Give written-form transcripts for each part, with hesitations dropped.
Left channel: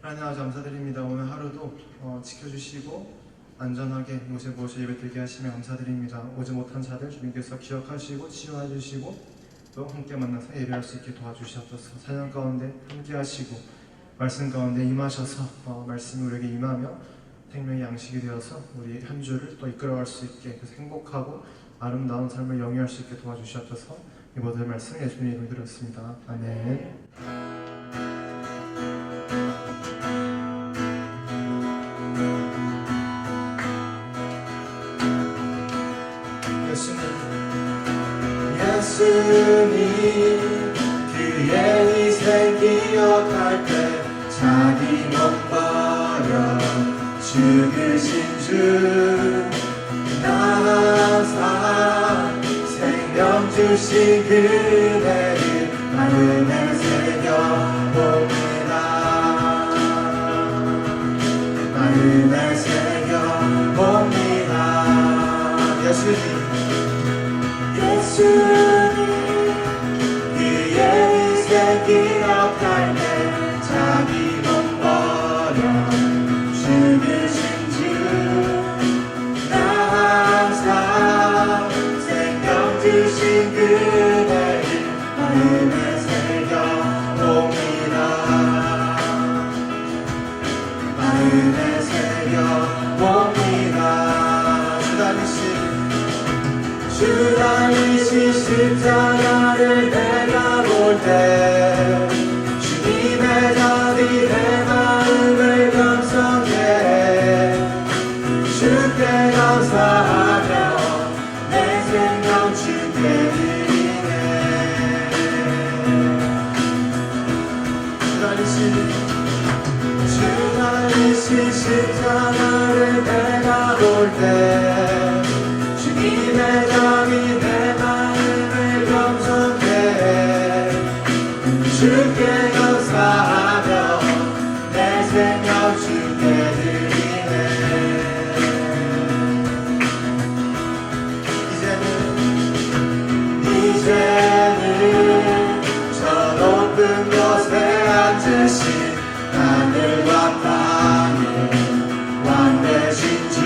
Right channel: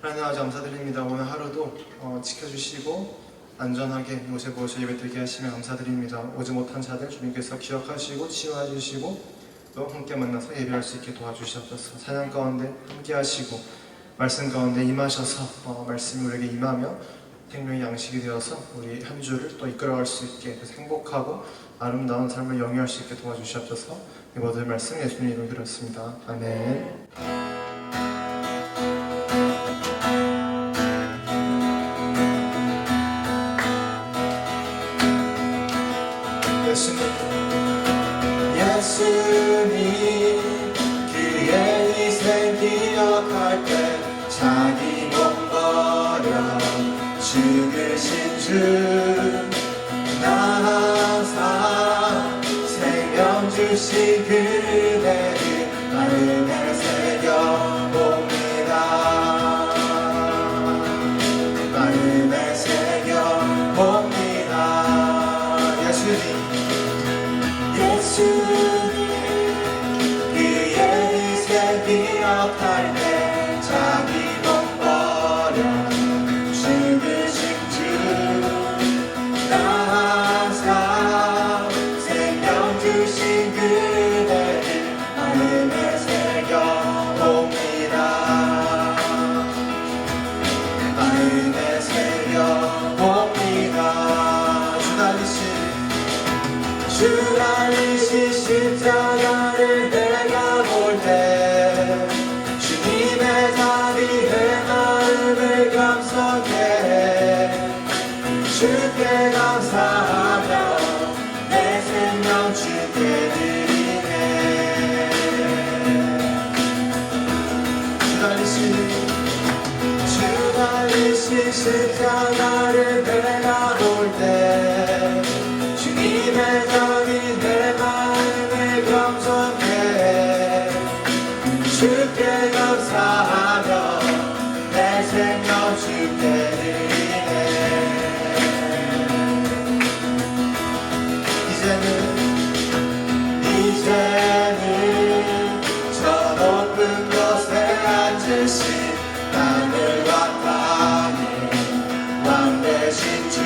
하나님 아버지 감사드립니다. 오늘 하루도 지켜주시고 안전하게 이곳에 모셔 예배드리게 하시며 감사드립니다. 오지 못한 자들 주님께서 기억하시고 치유해 주시고 또 함께 만나서 예배할 수 있게 도와주시옵소서. 찬양 가운데 함께 하시고 말씀 가운데 임하셔서 말씀이 우리에게 임하며 생명의 양식이 되어서 우리 한 주를 또 이끌어갈 수 있게 행복하고 아름다운 삶을 영위할 수 있게 도와주시옵소서. 이 모든 말씀 예수님 이름으로 드렸습니다. 아멘. 예수님 그의 희생 기억할 때 자기 몸 버려 죽으신 주 나 항상 생명 주신 그대를 마음에 새겨봅니다. 마음에 새겨봅니다. 예수님 그의 희생 기억할 때 자기 몸 버려 죽으신 주 나 항상 생명 주신 그대를 마음에 새겨봅니다. 마음에 새겨봅니다. 주 달리신 십자가를 내가 볼 때 주님의 답이 내 마음을 감싸게 주께 감사하며 내 생명 주께 드리네. 주 달리신 십자가를 내가 볼 때 주님의 답이 내 마음을 감싸게 주께 감사하며 내 생명 주께 드리네. 이제는 저 높은 곳에 앉으신 하늘과 땅을 왕 되신 주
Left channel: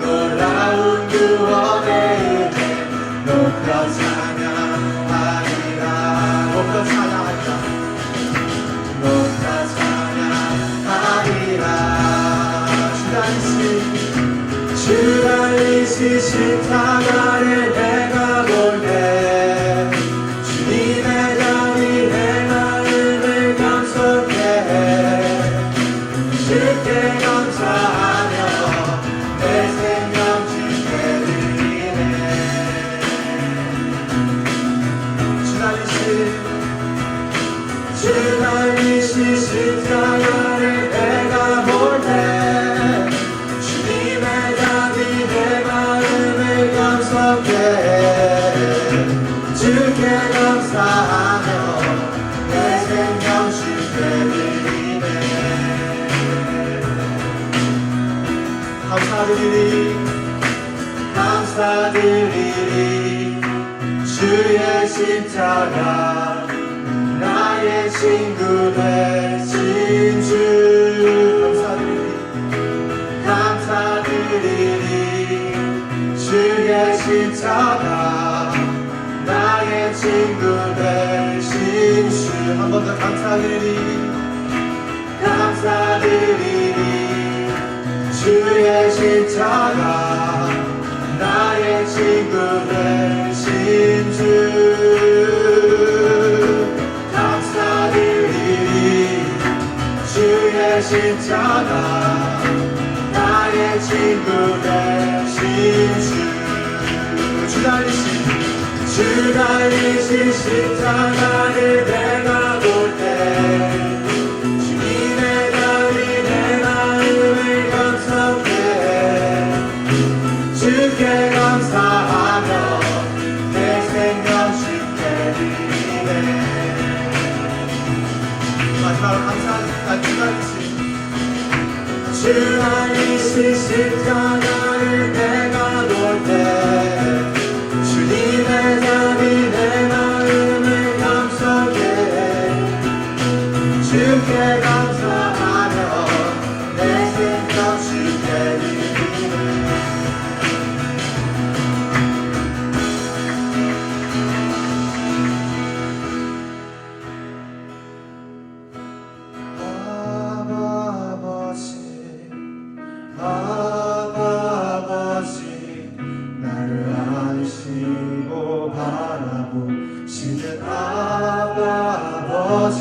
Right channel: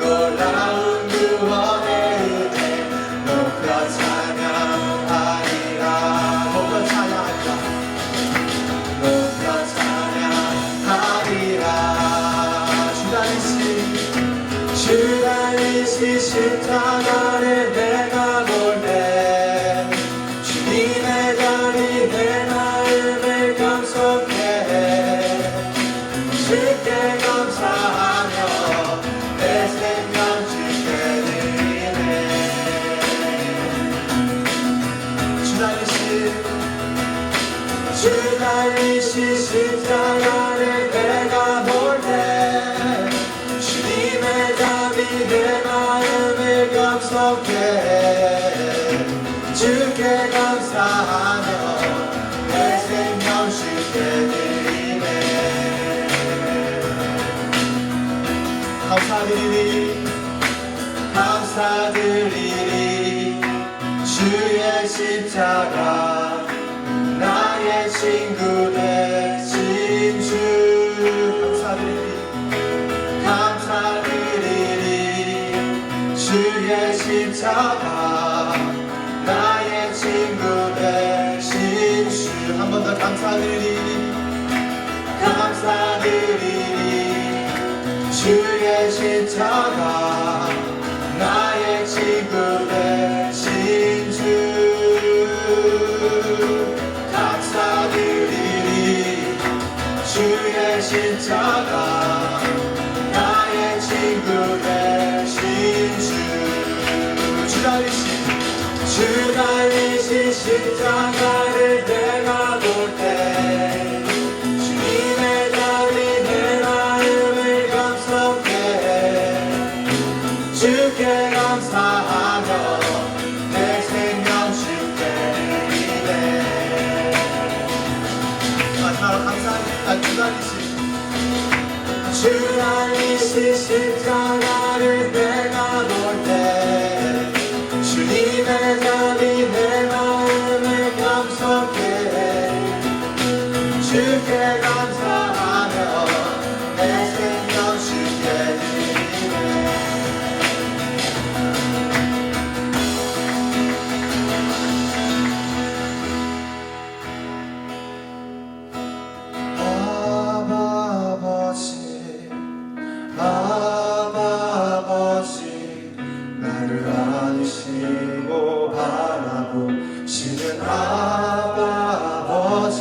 놀라운 구원의 은혜 높여 찬양하리라. 높여 찬양하리라. 높여 찬양하리라. 주 달리신 십자가를 내가 볼 때 주님의 답이 내 마음을 감싸게 주께 감사하며 내 생명 주께 드리네. 주 달리신 십자가를 내가 볼 때 주님의 답이 내 마음을 감싸게 주께 감사하며 내 생명 주께 드리네. 감사드리리 주의 십자가 나의 친구 되신 주 감사드리리 주의 십자가 나의 친구 되신 주 한 번 더 감사드리리 주의 십자가 나의 친구 되신 주 감사드리리 주의 십자가 나의 친구 되신 주 달리신 십자가를 내가 볼 때 주님의 답이 내 마음을 감싸게 주께 감사하며 내 생명 주께 드리네. 마지막으로 감사합니다. 주 달리신 십자가를 내가 볼 때 주님의 답이 내 마음을 감싸게 주께 감사하며 내 생명 주께 드리네. 아버지 나를 안으시고 바라보시는 아버지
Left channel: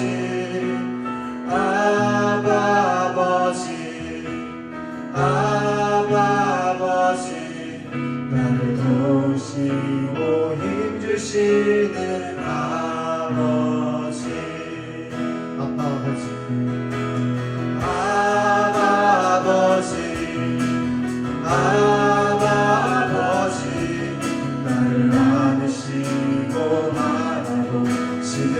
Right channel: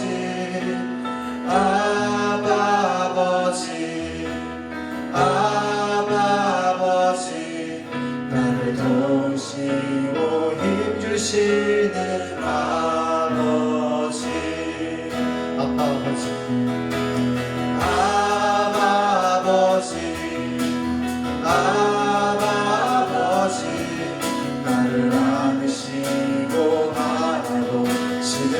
나를 도우시고 힘주시는 아버지 아버지 나를 안으시고 바라보시는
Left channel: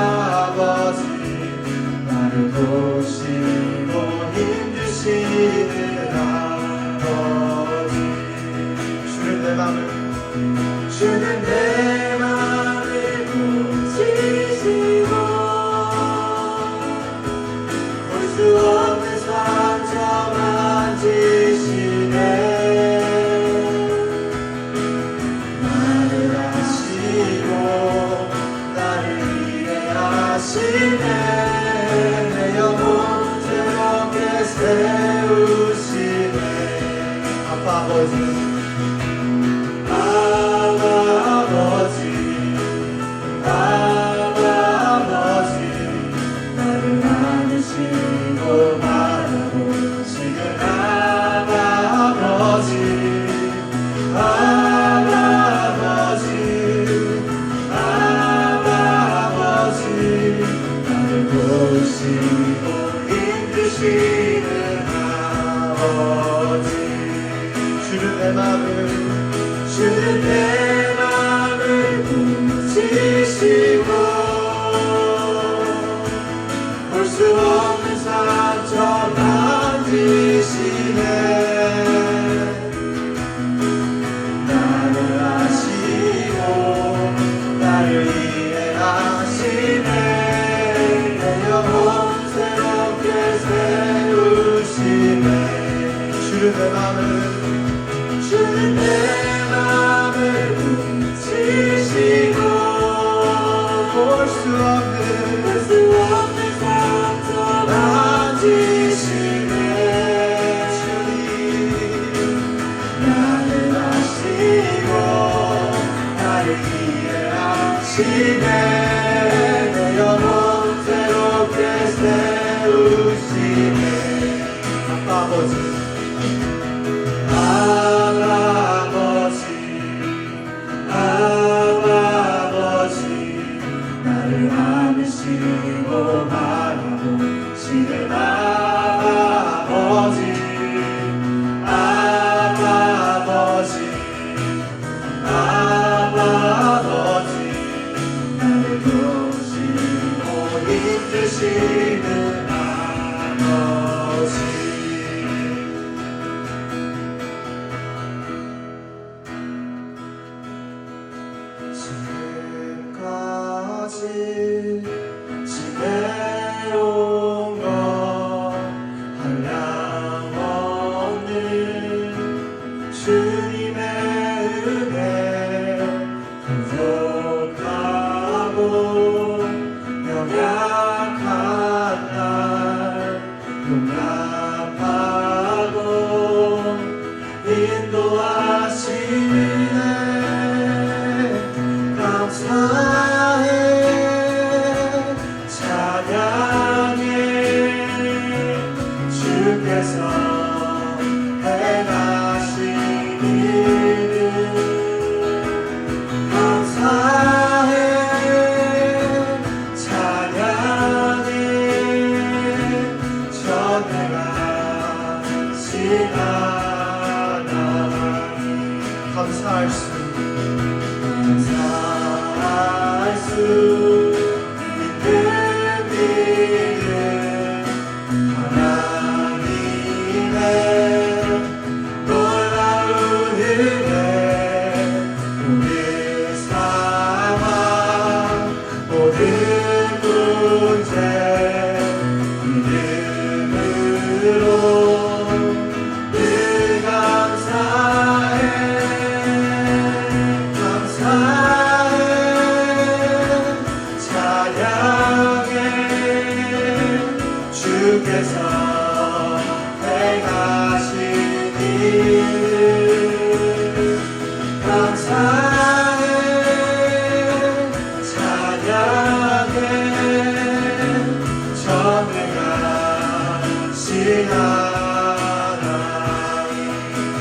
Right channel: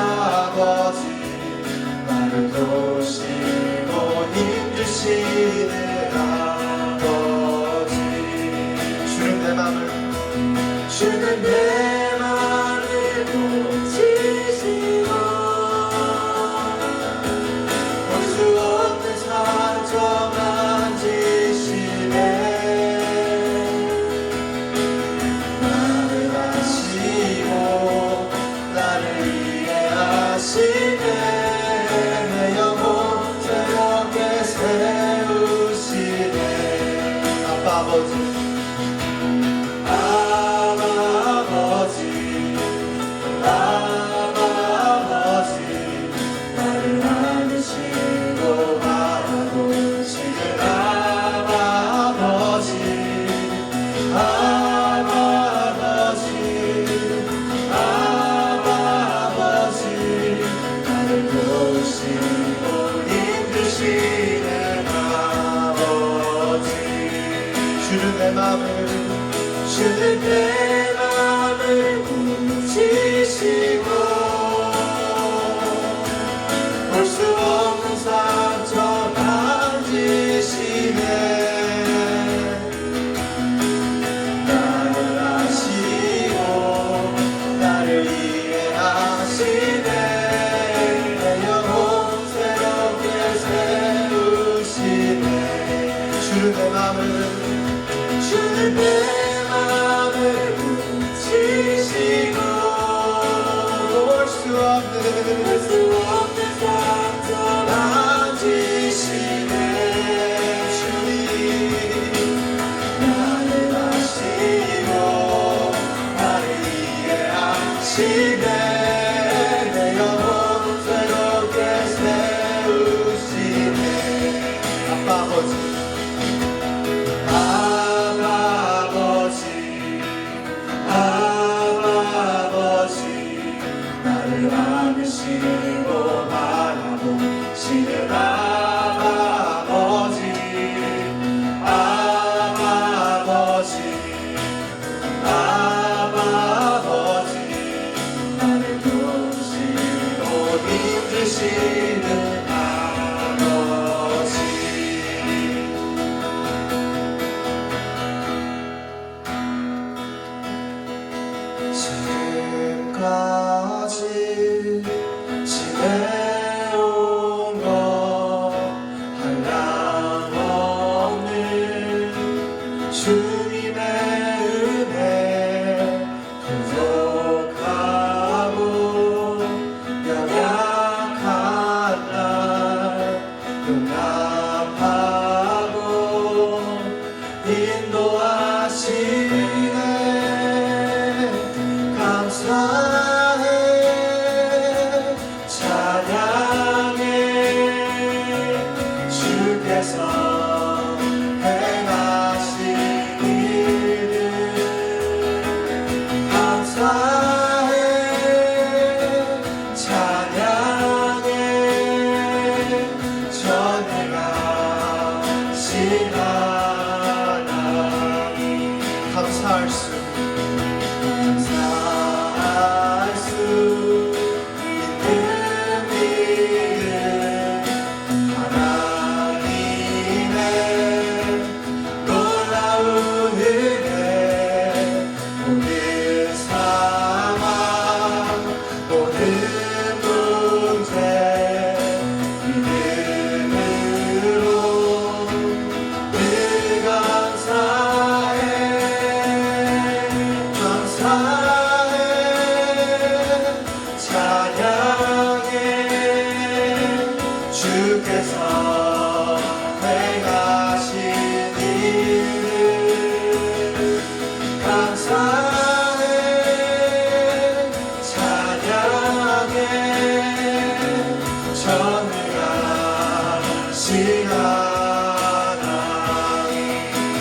아버지 나를 도우시고 힘주시는 아버지. 주는 내 맘을 고치시고 볼 수 없는 상처 만지시네. 나를 아시고 나를 이해하시네. 내 영혼 새롭게 세우시네. 아버지 나를 안으시고 바라보시는 아버지 나를 도우시고 힘주시는 아버지. 주는 내 맘을 고치시고 볼 수 없는 상처 만지시네. 나를 아시고 나를 이해하시네. 내 영혼 새롭게 세우시네. 주는 내 맘을 고치시고 볼 수 없는 상처 만지시네. 주님 나를 아시고 나를 이해하시네. 내 영혼 새롭게 세우시네. 아버지 나를 안으시고 바라보시는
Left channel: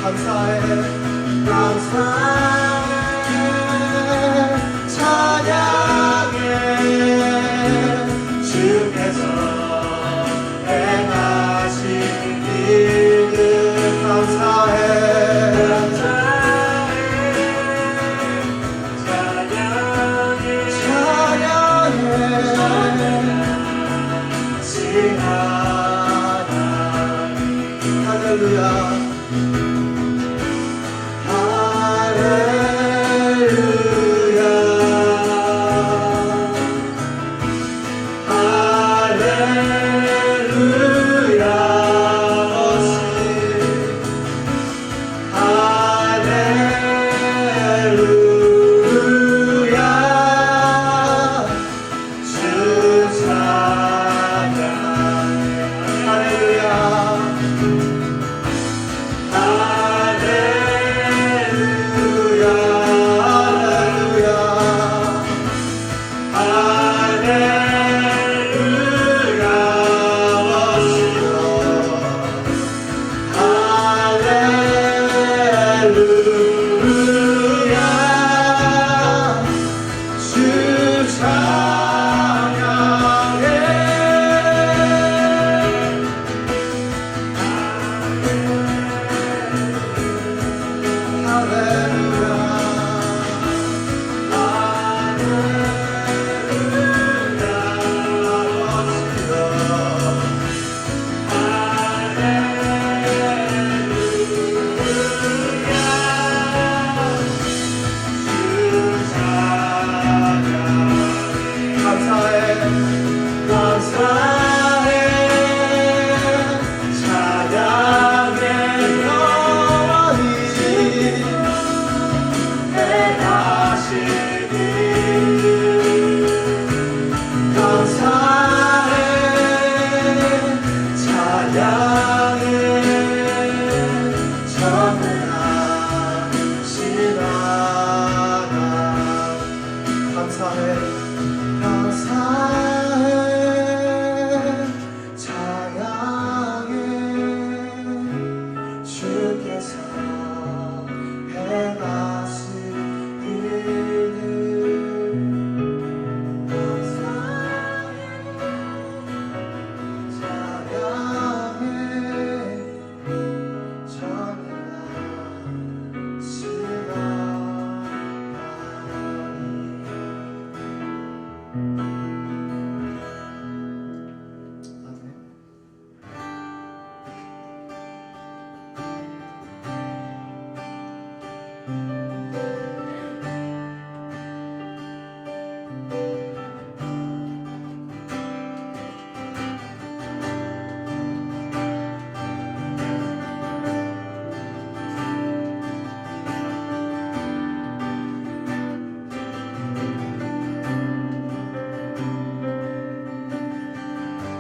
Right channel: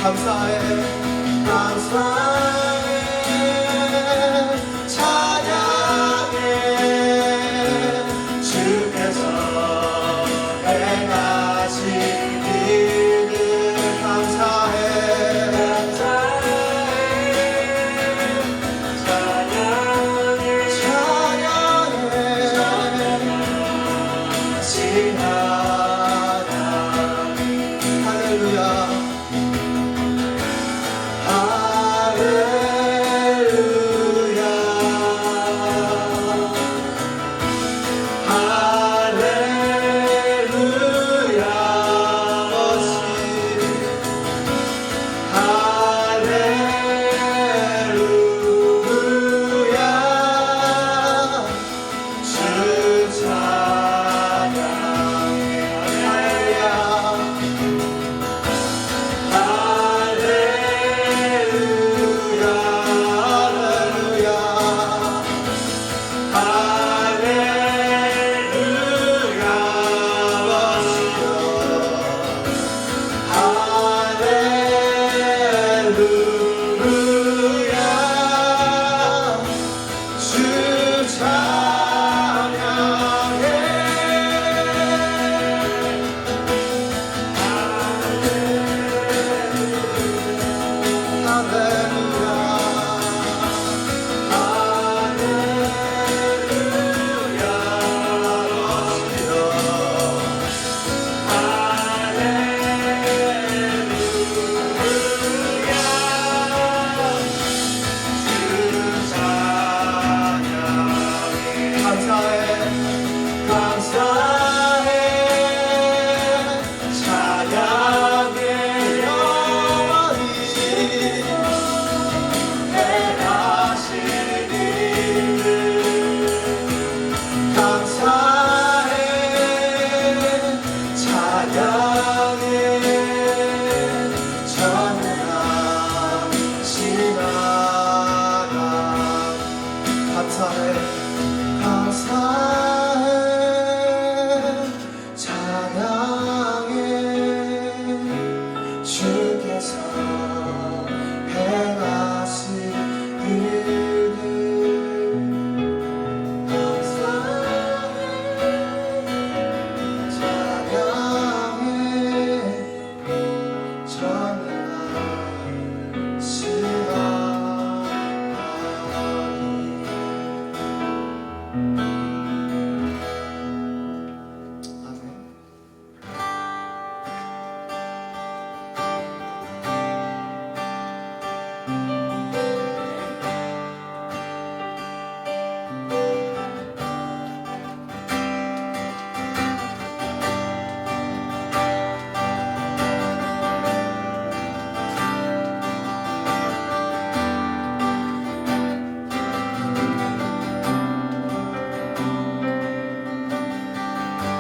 감사해 감사해 찬양해 주께서 행하신 일들 감사해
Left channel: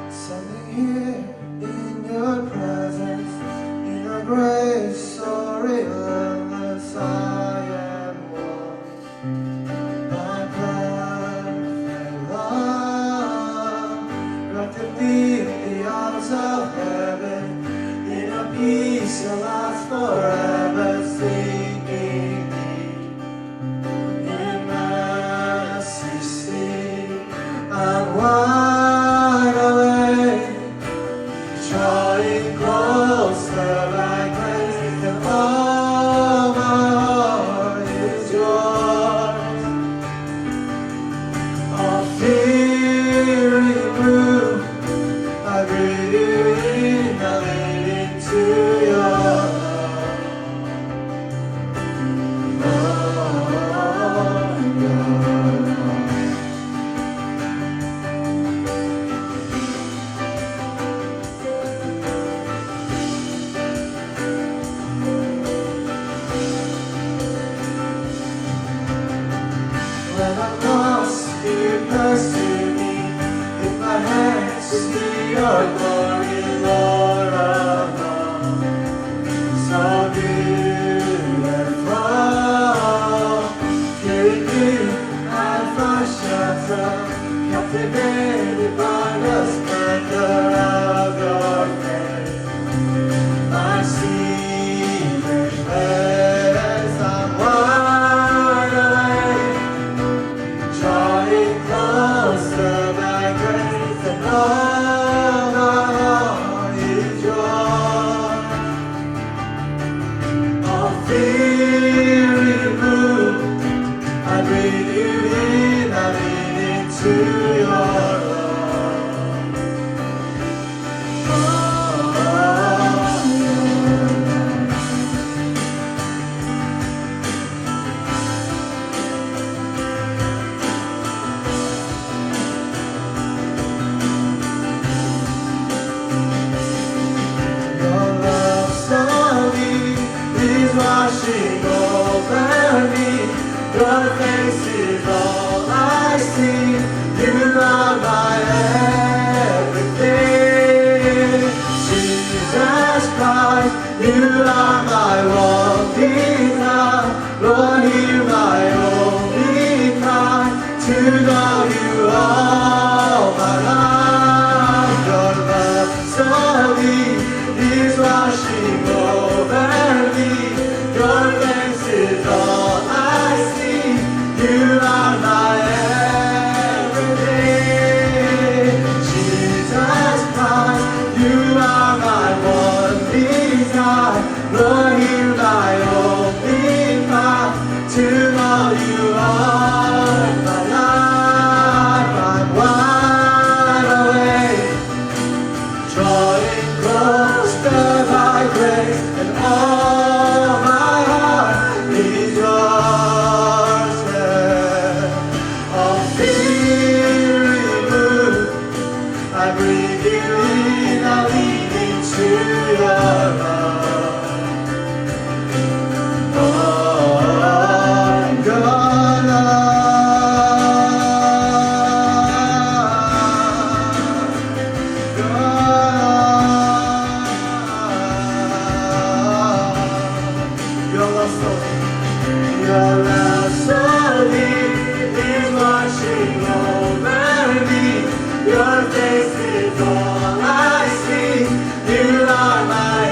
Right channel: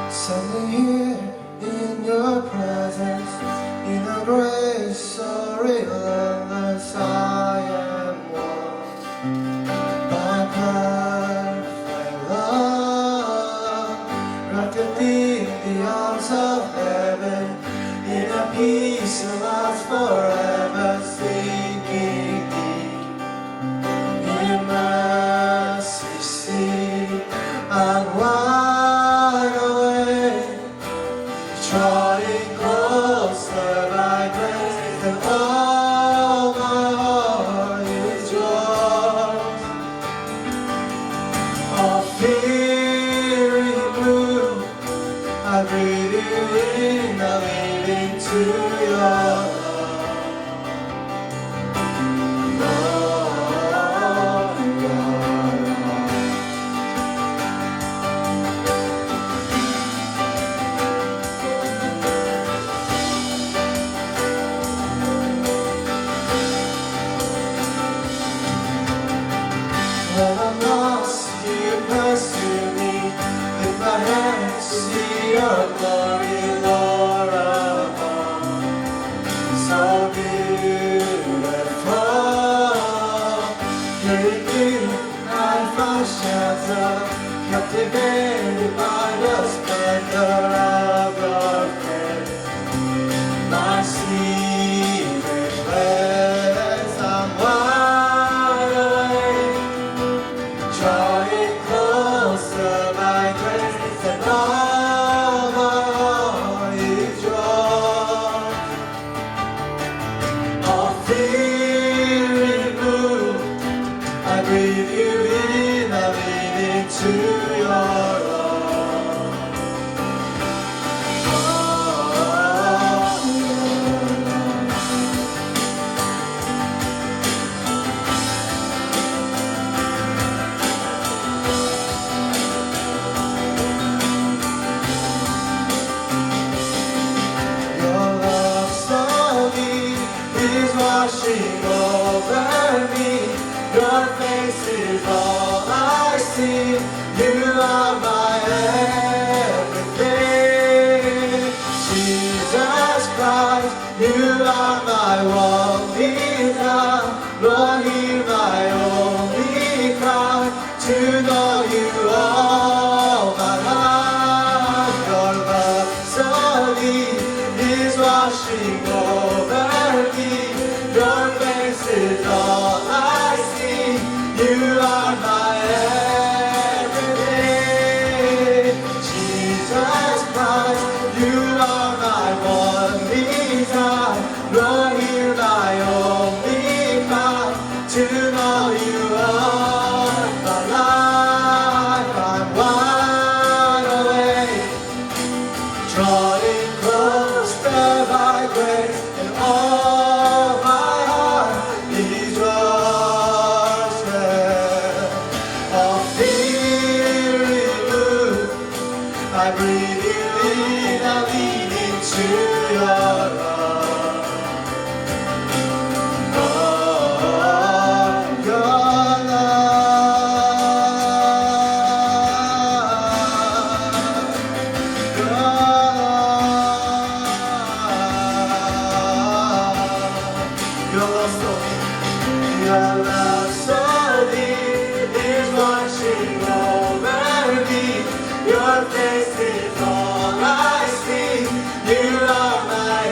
Standing here in your presence, in a grace so relentless, I am one by perfect love, wrapped in the arms of heaven, in a peace that lasts forever, seeking thee in mercy, see and wide awake, drawing closer by grace, and all my heart is yours. All fear removed, I breathe you in, I lean into your love. washing over me. Your face is all I see. You are my everything. Jesus Christ, you are my one desire. Lord, hear my only cry to know you all my life. Your love so deep is washing over me. Your face is all I see. You are my everything. Jesus Christ, you are my one desire. Lord, hear my only cry to know you all my life. I'm wide awake, drawing close to thy grace, and all my heart is yours. All fear removed, I breathe you in, I lean into your love. Oh, your Your love so deep is washing over me. Your face is all I see. You are my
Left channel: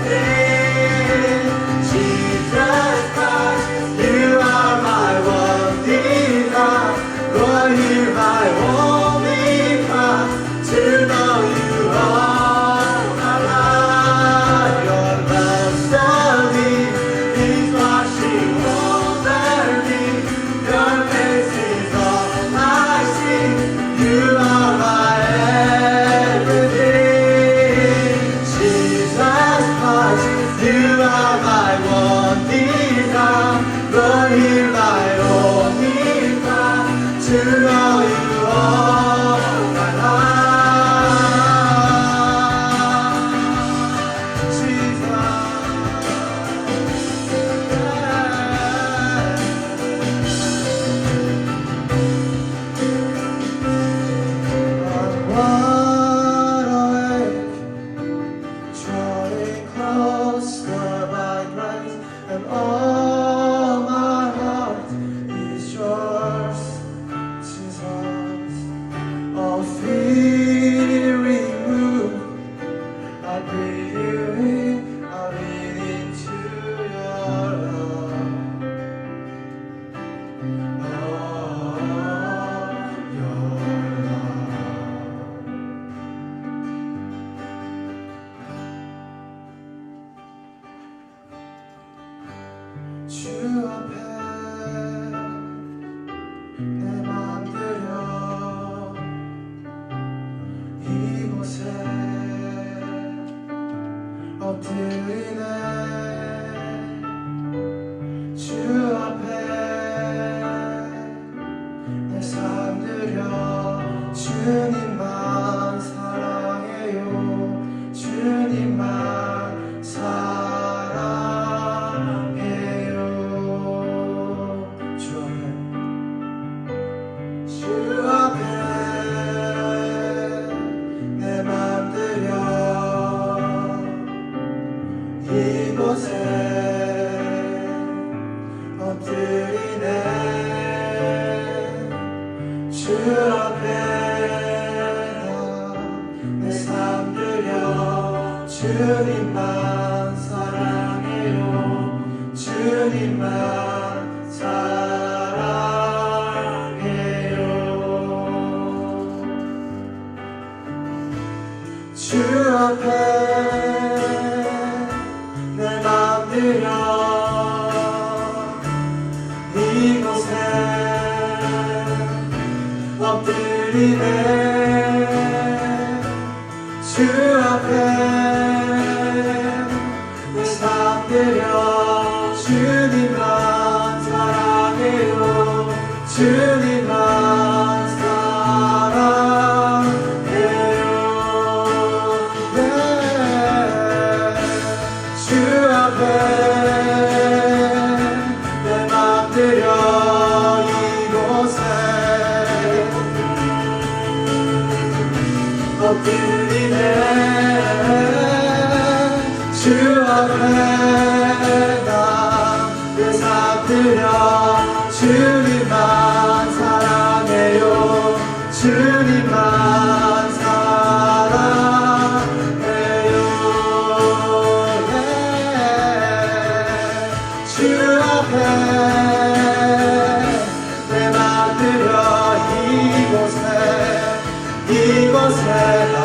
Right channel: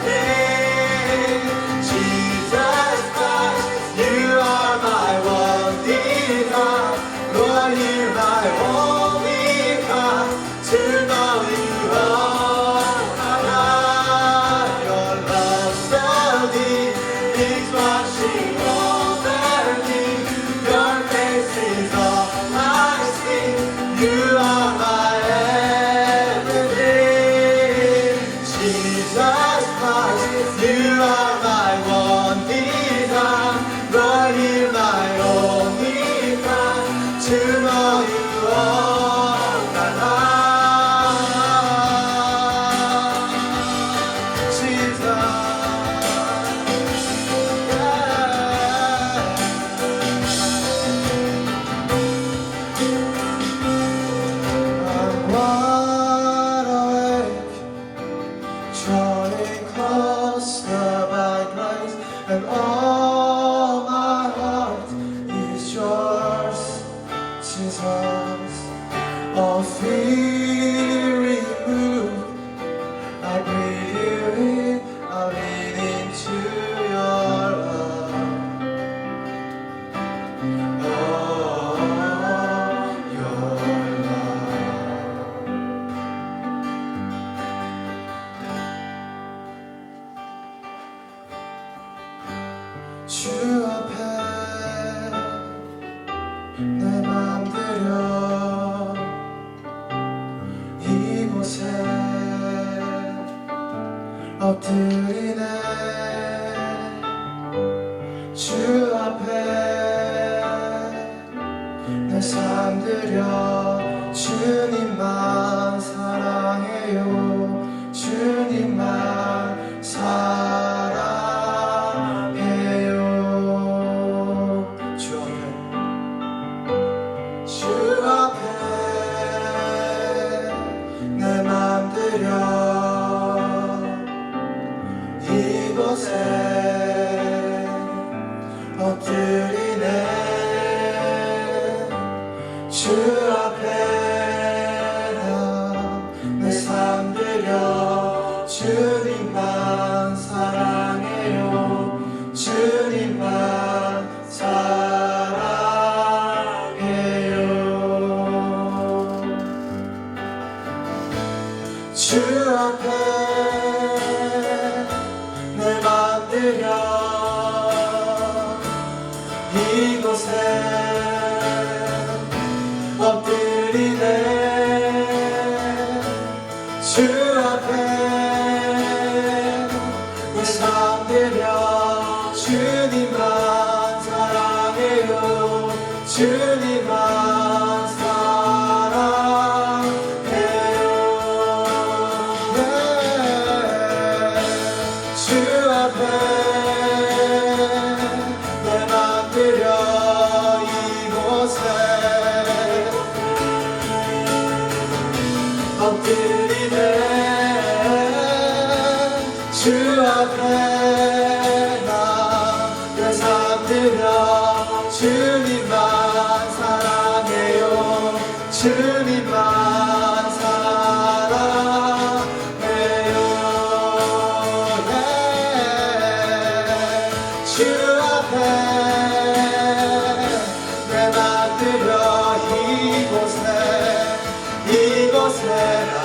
everything. Jesus Christ, you are my one desire. Lord, hear my holy cry to know you all my life. Your love so deep is washing over me. Your face is all I see. You are my everything. Jesus Christ, you are my one desire. Lord, hear my only cry to know you all my life. Jesus. I'm wide awake, drawing closer by grace, and all my heart is yours, Jesus. All fear removed, I breathe you in, I lean into your love. Oh, your love. 주 앞에 내 맘 들여 이곳에 엎드리네. 주 앞에 내 삶 들여 주님만 사랑해요. 주님만 사랑해요. 주 앞에 내 맘 들여 이곳에 엎드리네. 주 앞에 내 삶 들여 주님만 사랑해요. 주님만 사랑해요. 주 앞에 내 맘 들여 이곳에 엎드리네. 주 앞에 내 삶 들여 주님만 사랑해요. 주님만 사랑해요. 주 앞에 앞에 내 맘 들여 이곳에 엎드리네 주 앞에 나내 삶 들여 주님만 사랑해요 주님만 사랑해요 주 앞에 내 맘 들여 이곳에 나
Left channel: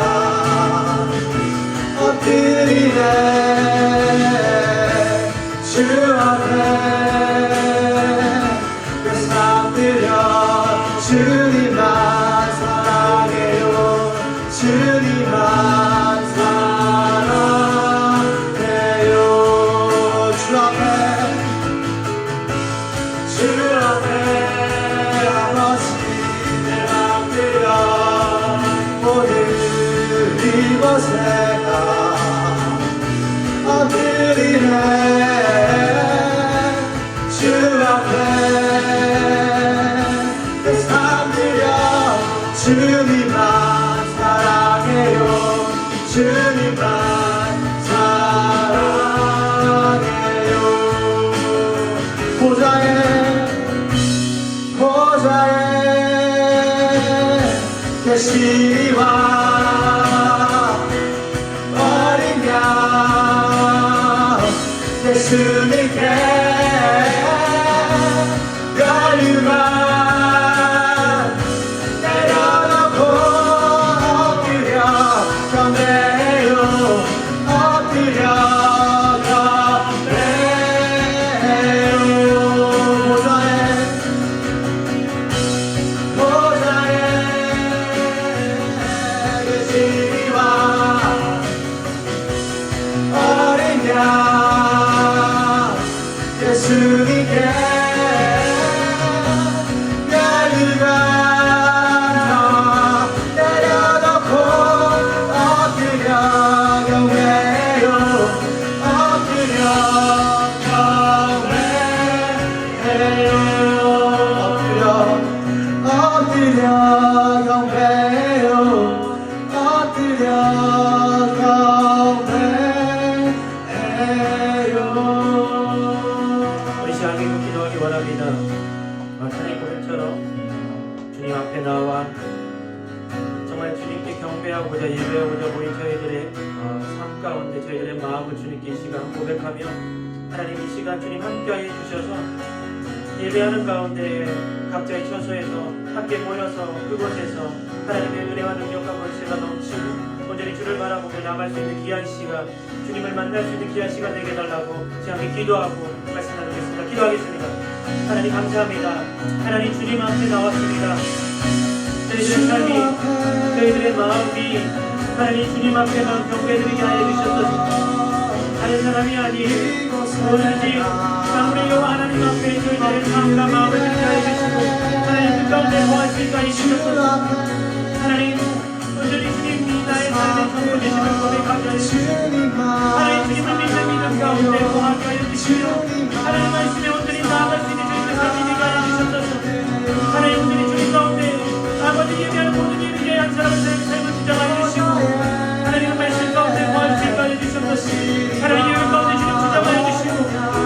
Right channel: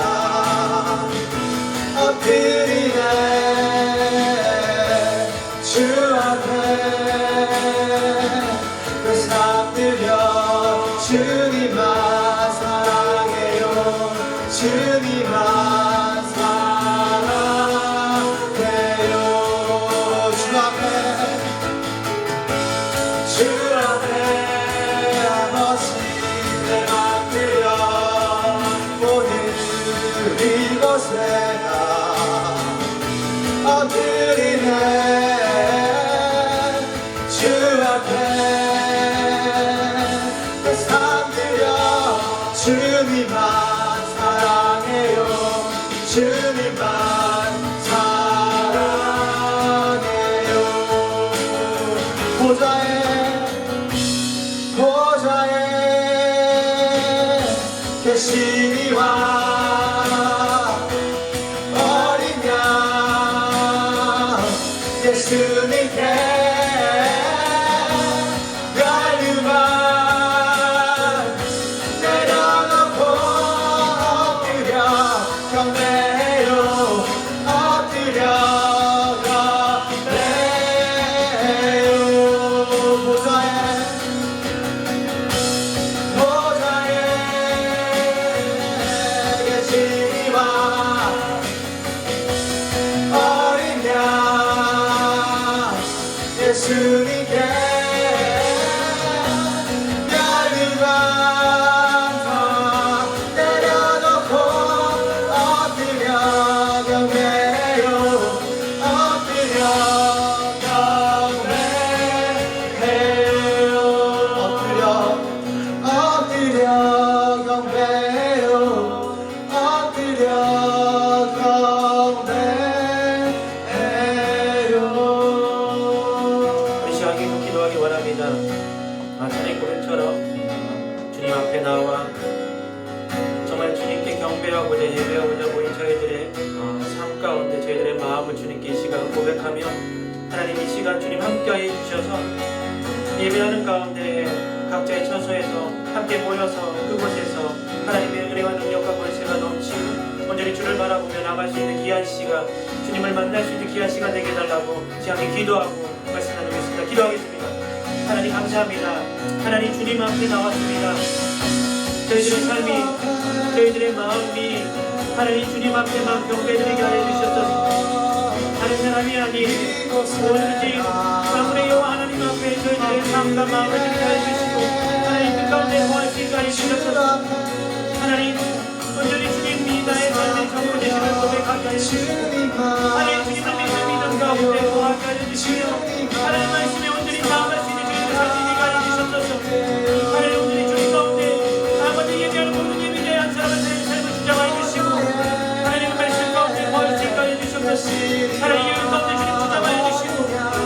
엎드리네 주 앞에 내 삶 들여 주님만 사랑해요 주님만 사랑해요 주 앞에 아버지 내 맘 들여 오늘 이곳에 나 엎드리네 주 앞에 내 삶 들여 주님만 사랑해요 주님만 사랑해요 보좌에 계시니와 어린 양 예수님께 열류만 내려놓고 엎드려 경배해요 엎드려 경배해요 보좌에 계시니와 어린 양 예수님께 열류가 내려놓고 엎드려 경배해요 엎드려 경배해요 엎드려 경배해요 엎드려 경배해요 우리 시간에 기도하기 원합니다. 주님 고백처럼 주님 앞에 나와 정말 주님께 경배하고자 예배하고자 모인 저희들의 삶 가운데 저희들의 마음을 주님께 이 시간 고백하며 하나님 이 시간 주님 함께하여 주셔서 예배하는 가운데 각자의 처소에서 함께 모여서 그곳에서 하나님의 은혜와 능력과 권세가 넘치고 온전히 주를 바라보며 나갈 수 있는 귀한 시간 주님을 만날 수 있는 귀한 시간 되게 해달라고 함께 기도하고 말씀 나누겠습니다. 기도하겠습니다. 하나님 감사합니다. 하나님 주님 앞에 나왔습니다. 저희들의 삶이 저희들의 마음이 하나님 주님 앞에 나온 경배드리게 하여 주셨소서. 다른 사람이 아닌 오직 아무리 여호와 하나님 앞에 저희들의 삶과 마음을 드리게 하여 주시고 하나님 그 가운데 거할 수 있게 하여 주셨소서. 하나님 온전히 주님이 나의 삶의 전부 되심을 고백하게 하여 주시고 하나님 주님을 믿는 가운데 거하게 하여 주시며 하나님 말씀에 온전히 나아갈 수 있는 저희들 삶이 되게 하여 주셨소서. 하나님 온전히 주님 가운데 아버지 예배하는 모든 일에 대한 사람의 삶을 주장하여 주시고 하나님 말씀 가운데 거할 수 있게 하여 주셨소서. 하나님 예배 가운데 주님 주장하여 주시고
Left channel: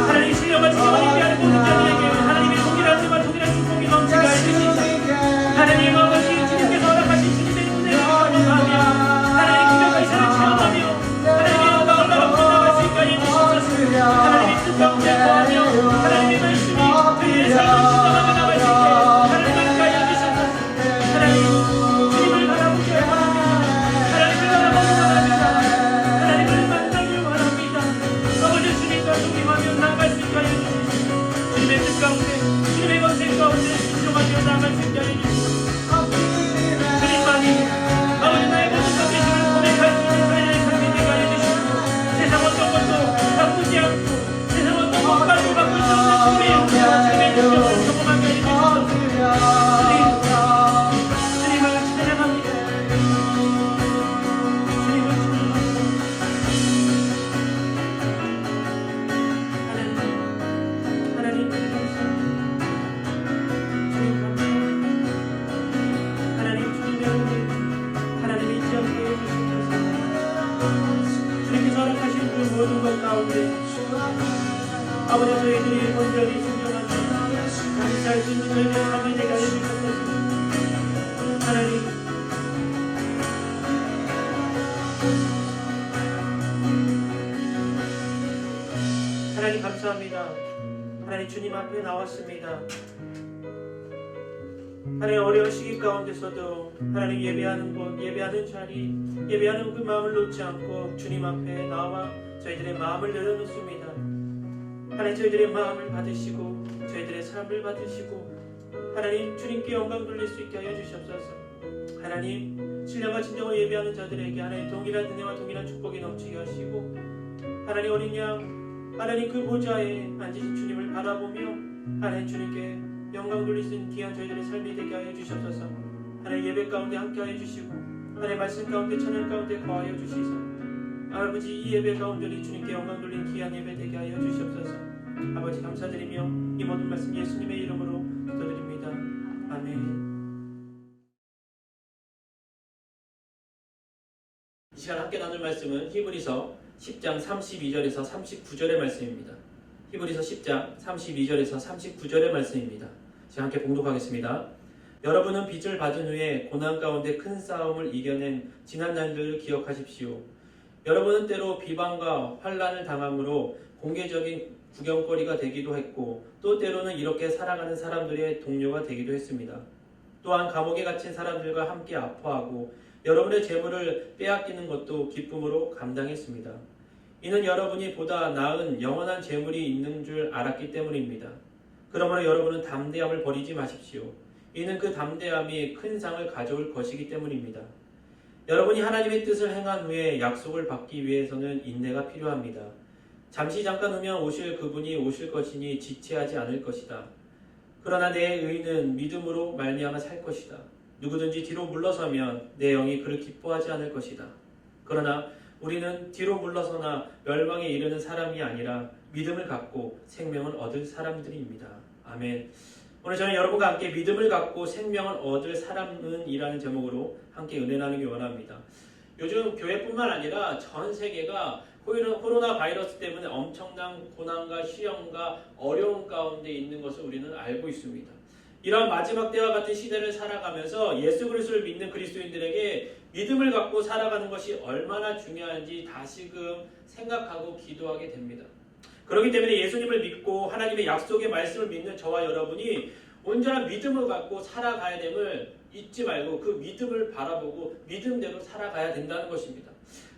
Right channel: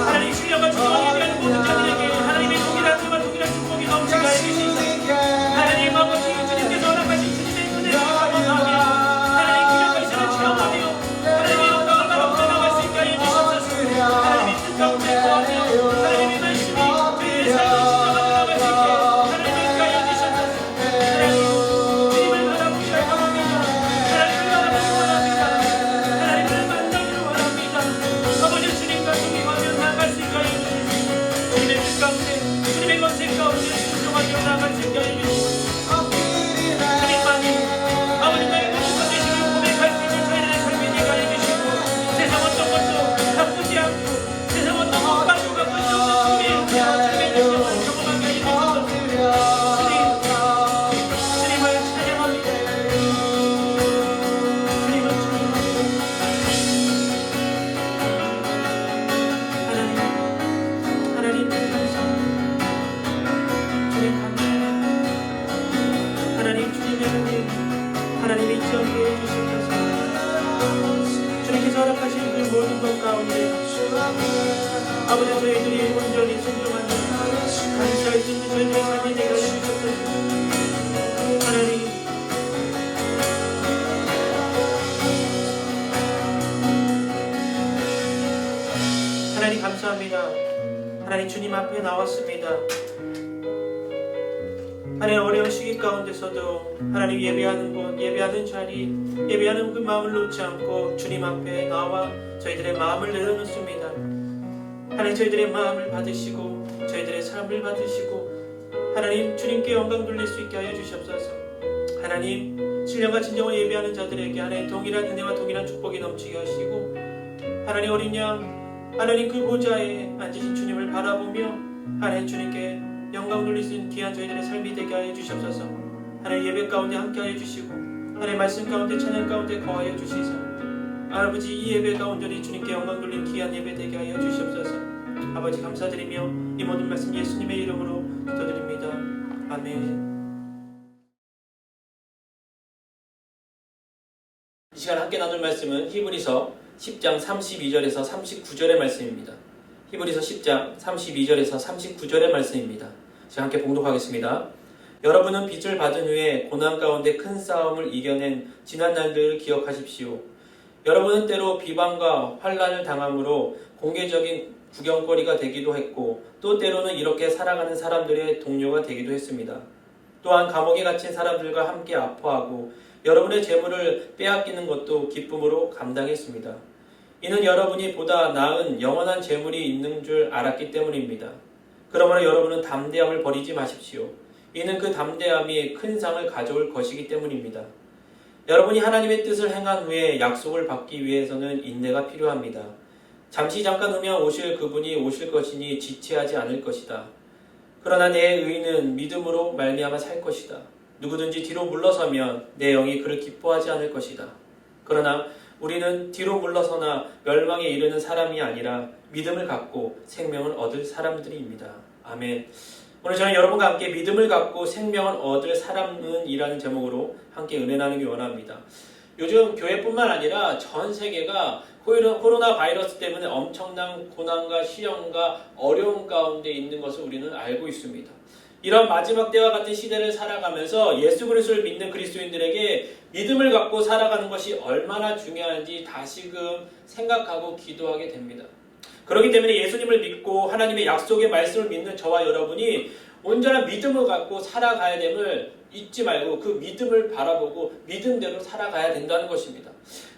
하나님 신령과 주님을 예배하는 모든 자들에게 하나님의 동일한 생활 동일한 축복이 넘치게 하여 주시고 하나님 아버지 주님께서 허락하신 주님의 은혜를 경험하며 하나님 기적과 이사를 체험하며 하나님의 영광을 나라고 나아갈 수 있게 하여 주셨소서. 하나님의 뜻 가운데 아버지 저희들이 온전히 순종하는 감사할 수 있는 저희들의 삶이 되게 해주셨소서. 하나님 하나님 감사합니다. 하나님 주님 앞에 나왔습니다. 하나님 어려운 시기 가운데서도 하나님 예배하는 곳, 예배하는 자리, 예배하는 그 마음을 놓지 않고 주님 앞에 나와 저희들의 마음을 내려놓습니다. 하나님 저희들의 마음을 받으시고 저희들의 삶을 받으시고 하나님 주님께 영광 돌릴 수 있게 하여 주시옵소서. 하나님 신령과 진정으로 예배하는 자들에게 하나님 동일한 은혜와 동일한 축복이 넘치게 하시고 하나님 어린 양 하나님 그 보좌에 앉으신 주님을 바라보며 하나님 주님께 영광 돌릴 수 있는 귀한 저희들의 삶이 되게 하여 주시옵소서. 하나님 예배 가운데 함께 하여 주시고 하나님 말씀 가운데 찬양 가운데 거하여 주시소. 아버지 이 예배가 온전히 주님께 영광 돌린 귀한 예배 되게 하여 주시옵소서. 아버지 감사드리며 이 모든 말씀 예수님의 이름으로 기도드립니다. 아멘. 이 시간 함께 나눌 말씀은 히브리서 10장 32절에서 39절의 말씀입니다. 히브리서 10장 32절에서 39절의 말씀입니다. 제가 함께 봉독하겠습니다. 여러분은 빚을 받은 후에 고난 가운데 큰 싸움을 이겨낸 지난 날들을 기억하십시오. 여러분은 때로 비방과 환난을 당함으로 공개적인 구경거리가 되기도 했고 또 때로는 이렇게 살아가는 사람들의 동료가 되기도 했습니다. 또한 감옥에 갇힌 사람들과 함께 아파하고 여러분의 재물을 빼앗기는 것도 기쁨으로 감당했습니다. 이는 여러분이 보다 나은 영원한 재물이 있는 줄 알았기 때문입니다. 그러므로 여러분은 담대함을 버리지 마십시오. 이는 그 담대함이 큰 상을 가져올 것이기 때문입니다. 여러분이 하나님의 뜻을 행한 후에 약속을 받기 위해서는 인내가 필요합니다. 잠시 잠깐 후면 오실 그분이 오실 것이니 지체하지 않을 것이다. 그러나 내 의는 믿음으로 말미암아 살 것이다. 누구든지 뒤로 물러서면 내 영이 그를 기뻐하지 않을 것이다. 그러나 우리는 뒤로 물러서나 멸망에 이르는 사람이 아니라 믿음을 갖고 생명을 얻을 사람들입니다. 아멘. 오늘 저는 여러분과 함께 믿음을 갖고 생명을 얻을 사람은 이라는 제목으로 함께 은혜 나누기 원합니다. 요즘 교회뿐만 아니라 전 세계가 코로나 바이러스 때문에 엄청난 고난과 시련과 어려움 가운데 있는 것을 우리는 알고 있습니다. 이런 마지막 때와 같은 시대를 살아가면서 예수 그리스도를 믿는 그리스도인들에게 믿음을 갖고 살아가는 것이 얼마나 중요한지 다시금 생각하고 기도하게 됩니다. 그렇기 때문에 예수님을 믿고 하나님의 약속의 말씀을 믿는 저와 여러분이 온전한 믿음을 갖고 살아가야 됨을 잊지 말고 그 믿음을 바라보고 믿음대로 살아가야 된다는 것입니다.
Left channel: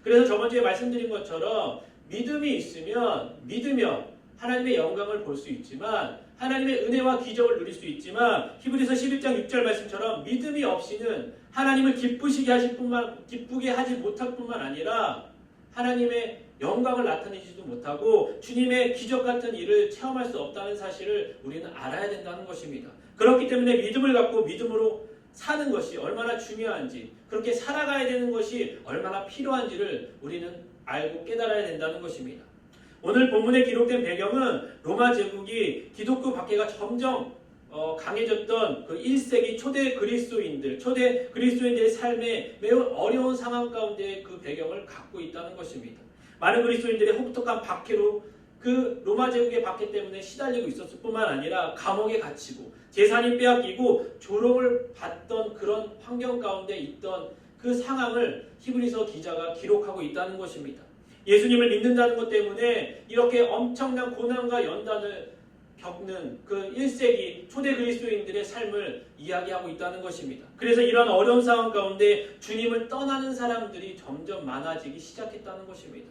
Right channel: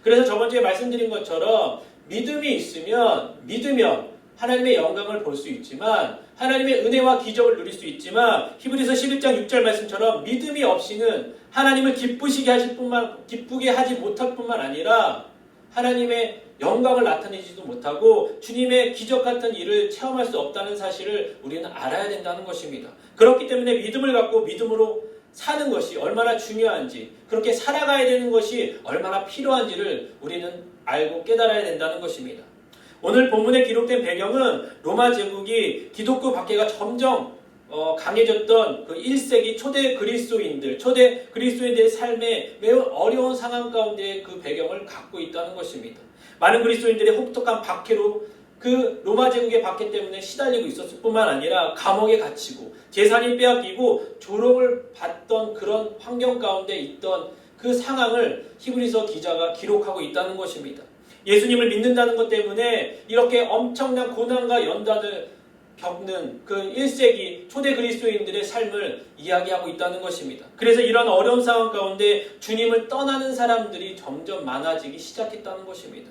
그래서 저번 주에 말씀드린 것처럼 믿음이 있으면 믿으면 하나님의 영광을 볼 수 있지만 하나님의 은혜와 기적을 누릴 수 있지만 히브리서 11장 6절 말씀처럼 믿음이 없이는 하나님을 기쁘게 하지 못할 뿐만 아니라 하나님의 영광을 나타내지도 못하고 주님의 기적 같은 일을 체험할 수 없다는 사실을 우리는 알아야 된다는 것입니다. 그렇기 때문에 믿음을 갖고 믿음으로 사는 것이 얼마나 중요한지 그렇게 살아가야 되는 것이 얼마나 필요한지를 우리는 알고 깨달아야 된다는 것입니다. 오늘 본문에 기록된 배경은 로마 제국이 기독교 박해가 점점 강해졌던 그 1세기 초대 그리스도인들의 삶에 매우 어려운 상황 가운데 그 배경을 갖고 있다는 것입니다. 많은 그리스도인들이 혹독한 박해로 그 로마 제국의 박해 때문에 시달리고 있었을 뿐만 아니라 감옥에 갇히고 재산이 빼앗기고 조롱을 받던 그런 환경 가운데 있던 그 상황을 히브리서 기자가 기록하고 있다는 것입니다. 예수님을 믿는다는 것 때문에 이렇게 엄청난 고난과 연단을 겪는 그 1세기 초대 그리스도인들의 삶을 이야기하고 있다는 것입니다. 그래서 이런 어려운 상황 가운데 주님을 떠나는 사람들이 점점 많아지기 시작했다는 것입니다.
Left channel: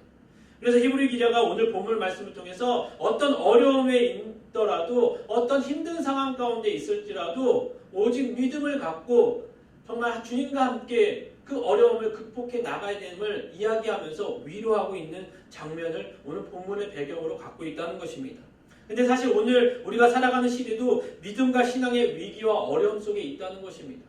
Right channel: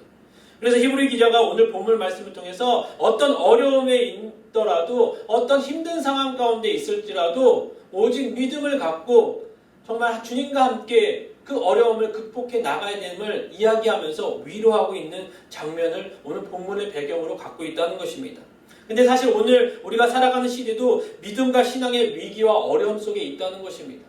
그래서 히브리 기자가 오늘 본문 말씀을 통해서 어떤 어려움에 있더라도 어떤 힘든 상황 가운데 있을지라도 오직 믿음을 갖고 정말 주님과 함께 그 어려움을 극복해 나가야 됨을 이야기하면서 위로하고 있는 장면을 오늘 본문의 배경으로 갖고 있다는 것입니다. 근데 사실 오늘 우리가 살아가는 시대도 믿음과 신앙의 위기와 어려움 속에 있다는 것입니다.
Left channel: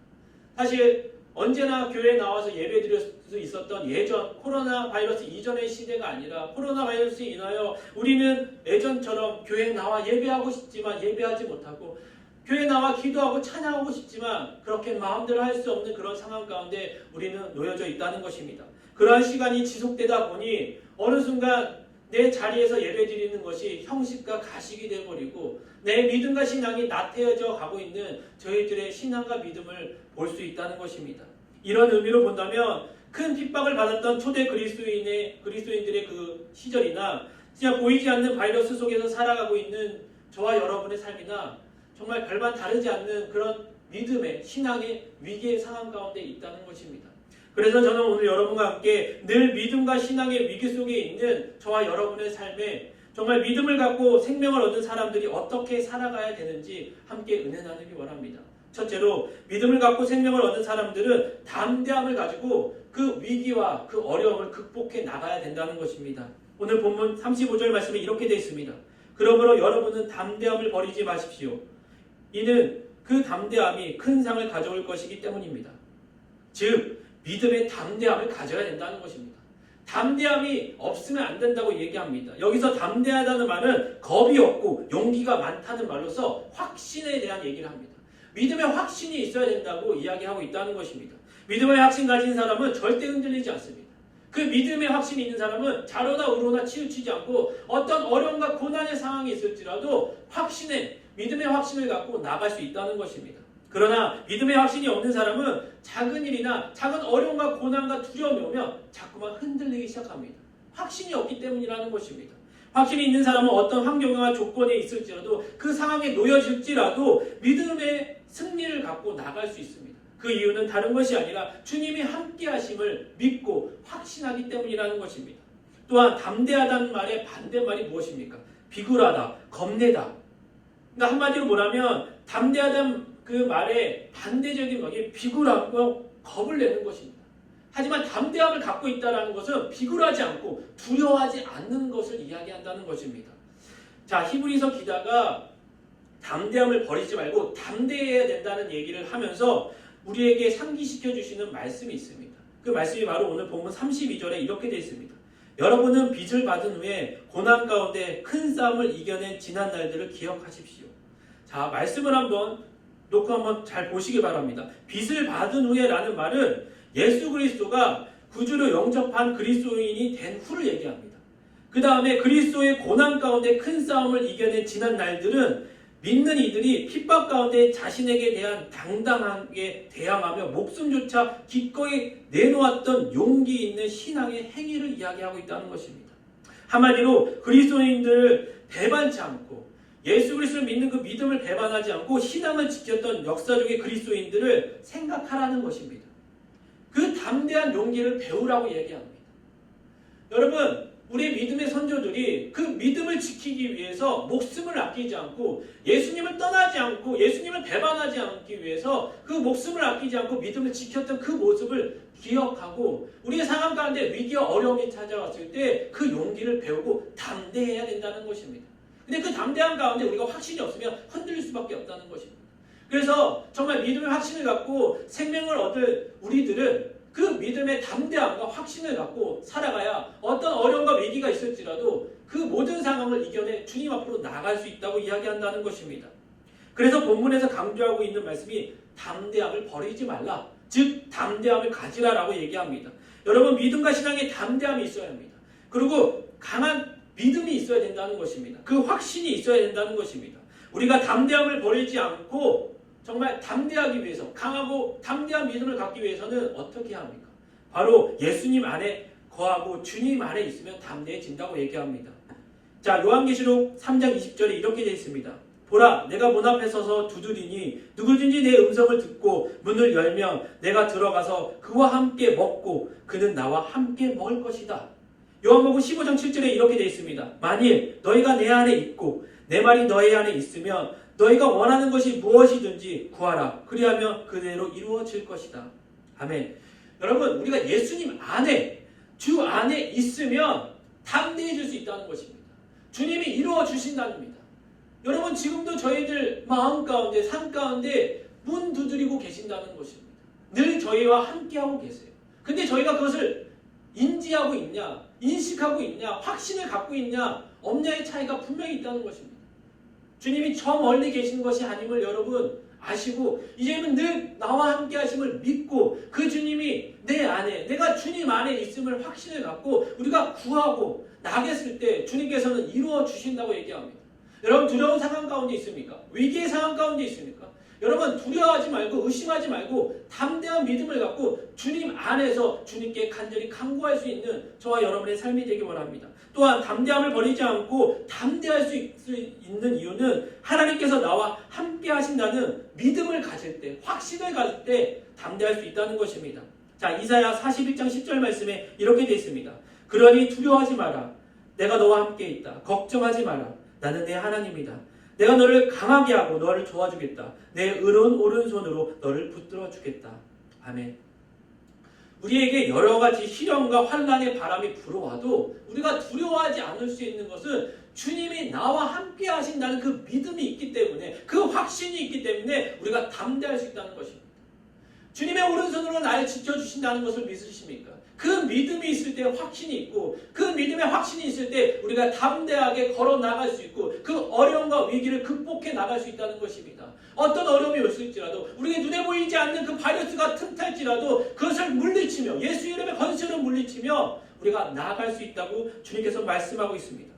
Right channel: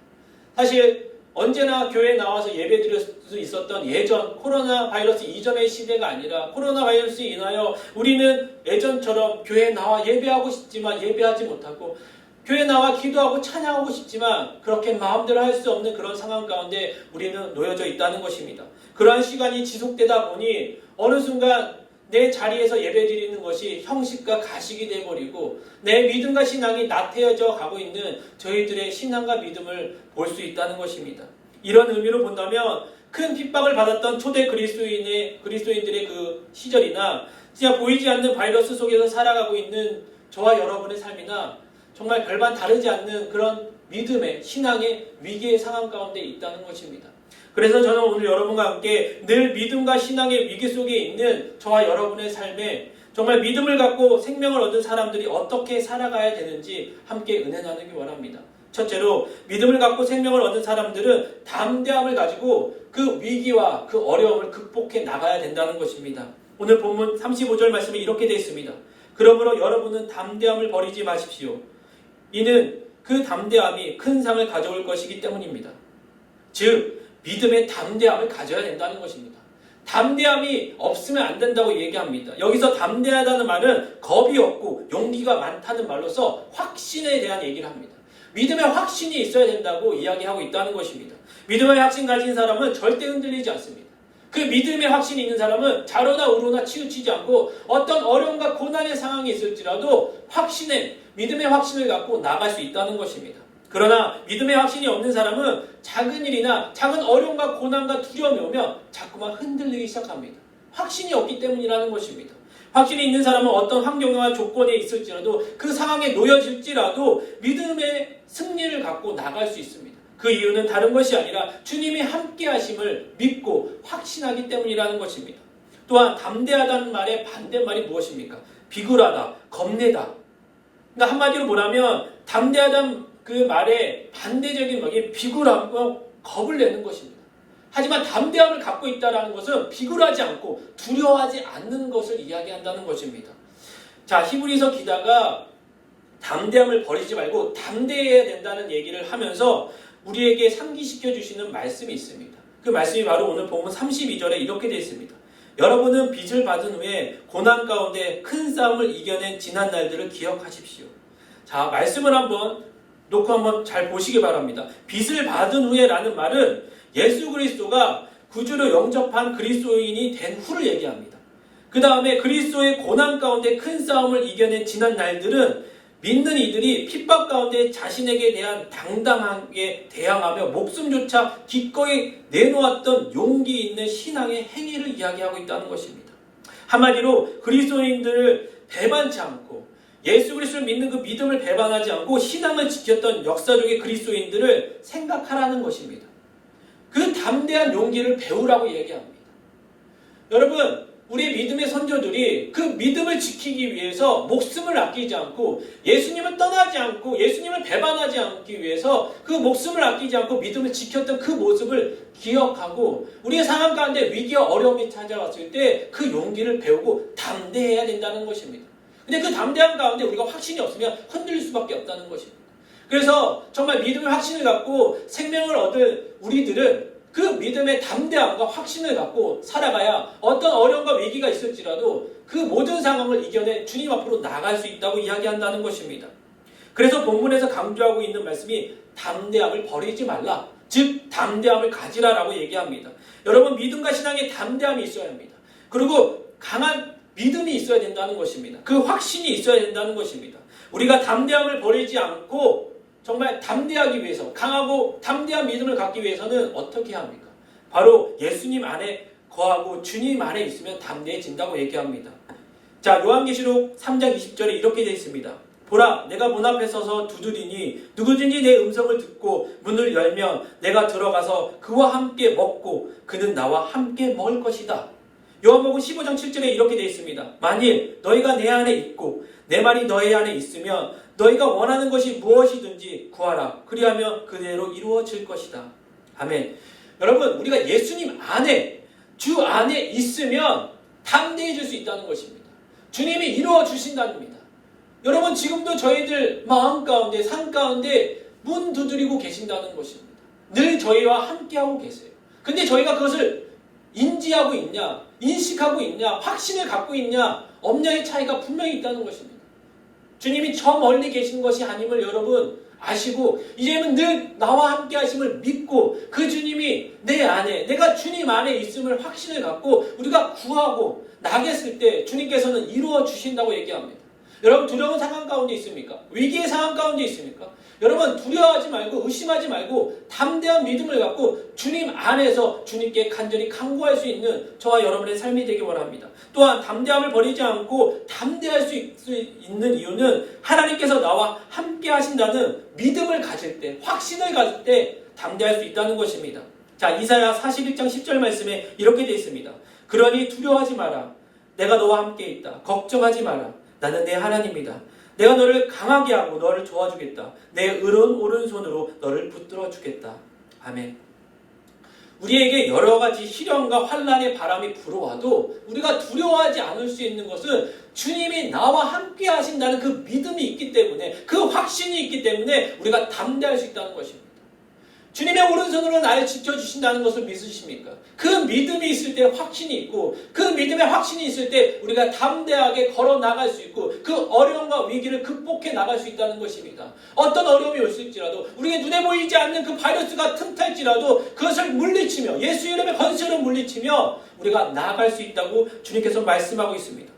사실 언제나 교회에 나와서 예배드릴 수 있었던 예전 코로나 바이러스 이전의 시대가 아니라 코로나 바이러스에 인하여 우리는 예전처럼 교회에 나와 예배하고 싶지만 예배하지 못하고 교회에 나와 기도하고 찬양하고 싶지만 그렇게 마음대로 할 수 없는 그런 상황 가운데 우리는 놓여져 있다는 것입니다. 그러한 시간이 지속되다 보니 어느 순간 내 자리에서 예배드리는 것이 형식과 가식이 되어버리고 내 믿음과 신앙이 나태해져 가고 있는 저희들의 신앙과 믿음을 볼 수 있다는 것입니다. 이런 의미로 본다면 큰 핍박을 받았던 초대 그리스도인들의 그 시절이나 진짜 보이지 않는 바이러스 속에서 살아가고 있는 저와 여러분의 삶이나 정말 별반 다르지 않는 그런 믿음의 신앙의 위기의 상황 가운데 있다는 것입니다. 그래서 저는 오늘 여러분과 함께 늘 믿음과 신앙의 위기 속에 있는 저와 여러분의 삶에 정말 믿음을 갖고 생명을 얻은 사람들이 어떻게 살아가야 되는지 함께 은혜 나누기 원합니다. 첫째로 믿음을 갖고 생명을 얻은 사람들은 담대함을 가지고 그 위기와 그 어려움을 극복해 나가야 된다는 것입니다. 오늘 본문 35절 말씀에 이렇게 되어 있습니다. 그러므로 여러분은 담대함을 버리지 마십시오. 이는 그 담대함이 큰 상을 가져올 것이기 때문입니다. 즉 믿음의 담대함을 가져야 된다는 것입니다. 담대함이 없으면 안 된다고 얘기합니다. 여기서 담대하다는 말은 겁이 없고 용기가 많다는 말로서 확신에 대한 얘기를 합니다. 믿음의 확신이 있어야 된다고 이야기하고 있다는 것입니다. 믿음의 확신 가진 사람은 절대 흔들리지 않습니다. 그 믿음의 확신이 있는 사람은 좌로나 우로나 치우치지 않고 어떤 어려움과 고난의 상황이 있을지라도 믿음의 확신을 갖고 나갈 수 있다는 것입니다. 그러나 믿음의 확신이 없는 사람은 작은 일이나 작은 어려움과 고난과 두려움이 오면 자꾸만 흔들리기 시작합니다. 확신이 없기 때문이라는 것입니다. 확신이 있는 사람은 어떤 환경과 조건에 있을지라도 그 상황에 놓여질지라도 믿음의 승리를 갖고 나갈 수 있습니다. 그 이유는 다른 것이 아니라 주님이 함께 하심을 믿고 확신하기 때문이라는 것입니다. 또한 담대하다는 말의 반대말이 무엇입니까? 비굴하다, 겁내다. 그러니까 한마디로 뭐냐면 담대하다는 그 말의 반대적인 말이 비굴함과 겁을 내는 것입니다. 하지만 담대함을 갖고 있다는 것은 비굴하지 않고 두려워하지 않는 것을 이야기한다는 것입니다. 자, 히브리서 기자가 담대함을 버리지 말고 담대해야 된다는 얘기를 하면서 우리에게 상기시켜 주시는 말씀이 있습니다. 그 말씀이 바로 오늘 본문 32절에 이렇게 되어 있습니다. 여러분은 빚을 받은 후에 고난 가운데 큰 싸움을 이겨낸 지난 날들을 기억하십시오. 자, 말씀을 한번 놓고 한번 잘 보시기 바랍니다. 빚을 받은 후에라는 말은 예수 그리스도가 구주로 영접한 그리스도인이 된 후를 얘기합니다. 그 다음에 그리스도의 고난 가운데 큰 싸움을 이겨낸 지난 날들은 믿는 이들이 핍박 가운데 자신에게 대한 당당하게 대항하며 목숨조차 기꺼이 내놓았던 용기 있는 신앙의 행위를 이야기하고 있다는 것입니다. 한마디로 그리스도인들을 배반치 않고 예수 그리스도를 믿는 그 믿음을 배반하지 않고 신앙을 지켰던 역사적인 그리스도인들을 생각하라는 것입니다. 그 담대한 용기를 배우라고 얘기합니다. 여러분, 우리 믿음의 선조들이 그 믿음을 지키기 위해서 목숨을 아끼지 않고 예수님을 떠나지 않고 예수님을 배반하지 않기 위해서 그 목숨을 아끼지 않고 믿음을 지켰던 그 모습을 기억하고 우리의 상황 가운데 위기와 어려움이 찾아왔을 때 그 용기를 배우고 담대해야 된다는 것입니다. 근데 그 담대함 가운데 우리가 확신이 없으면 흔들릴 수밖에 없다는 것입니다. 그래서 정말 믿음의 확신을 갖고 생명을 얻을 우리들은 그 믿음의 담대함과 확신을 갖고 살아가야 어떤 어려움과 위기가 있을지라도 그 모든 상황을 이겨내 주님 앞으로 나아갈 수 있다고 이야기한다는 것입니다. 그래서 본문에서 강조하고 있는 말씀이 담대함을 버리지 말라. 즉 담대함을 가지라라고 얘기합니다. 여러분, 믿음과 신앙에 담대함이 있어야 합니다. 그리고 강한 믿음이 있어야 된다는 것입니다. 그 확신이 있어야 된다는 것입니다. 우리가 담대함을 버리지 않고 정말 담대하기 위해서 강하고 담대한 믿음을 갖기 위해서는 어떻게 합니까? 바로 예수님 안에 거하고 주님 안에 있으면 담대해진다고 얘기합니다. 자, 요한계시록 3장 20절에 이렇게 되어 있습니다. 보라, 내가 문 앞에 서서 두드리니 누구든지 내 음성을 듣고 문을 열면 내가 들어가서 그와 함께 먹고 그는 나와 함께 먹을 것이다. 요한복음 15장 7절에 이렇게 되어 있습니다. 만일 너희가 내 안에 있고 내 말이 너희 안에 있으면 너희가 원하는 것이 무엇이든지 구하라. 그리하면 그대로 이루어질 것이다. 아멘. 여러분, 우리가 예수님 안에, 주 안에 있으면 담대해질 수 있다는 것입니다. 주님이 이루어 주신답니다. 여러분, 지금도 저희들 마음 가운데, 삶 가운데 문 두드리고 계신다는 것입니다. 늘 저희와 함께하고 계세요. 근데 저희가 그것을 인지하고 있냐, 인식하고 있냐, 확신을 갖고 있냐, 없냐의 차이가 분명히 있다는 것입니다. 주님이 저 멀리 계신 것이 아님을 여러분 아시고 이제는 늘 나와 함께 하심을 믿고 그 주님이 내 안에 내가 주님 안에 있음을 확신을 갖고 우리가 구하고 나겠을 때 주님께서는 이루어 주신다고 얘기합니다. 여러분 두려운 상황 가운데 있습니까? 위기의 상황 가운데 있습니까? 여러분 두려워하지 말고 의심하지 말고 담대한 믿음을 갖고 주님 안에서 주님께 간절히 간구할 수 있는 저와 여러분의 삶이 되기 원합니다. 또한 담대함을 버리지 않고 담대할 수 있는 이유는 하나님께서 나와 함께 하신다는 믿음을 가질 때, 확신을 가질 때 담대할 수 있다는 것입니다. 자, 이사야 41장 10절 말씀에 이렇게 되어 있습니다. 그러니 두려워하지 마라. 내가 너와 함께 있다. 걱정하지 마라. 나는 내 하나님이다. 내가 너를 강하게 하고 너를 도와주겠다. 내 의로운 오른손으로 너를 붙들어 주겠다. 아멘. 우리에게 여러 가지 시련과 환난의 바람이 불어와도 우리가 두려워하지 않을 수 있는 것은 주님이 나와 함께 하신다는 그 믿음이 있기 때문에, 그 확신이 있기 때문에 우리가 담대할 수 있다는 것입니다. 주님의 오른손으로 나를 지켜주신다는 것을 믿으십니까? 그 믿음이 있을 때 확신이 있고 그 믿음의 확신이 있을 때 우리가 담대하게 걸어 나갈 수 있고 그 어려움과 위기를 극복해 나갈 수 있다는 것입니다. 어떤 어려움이 올지라도 우리의 눈에 보이지 않는 그 바이러스가 틈탈지라도 그것을 물리치며 예수 이름의 권세로 물리치며 우리가 나아갈 수 있다고 주님께서 말씀하고 있습니다.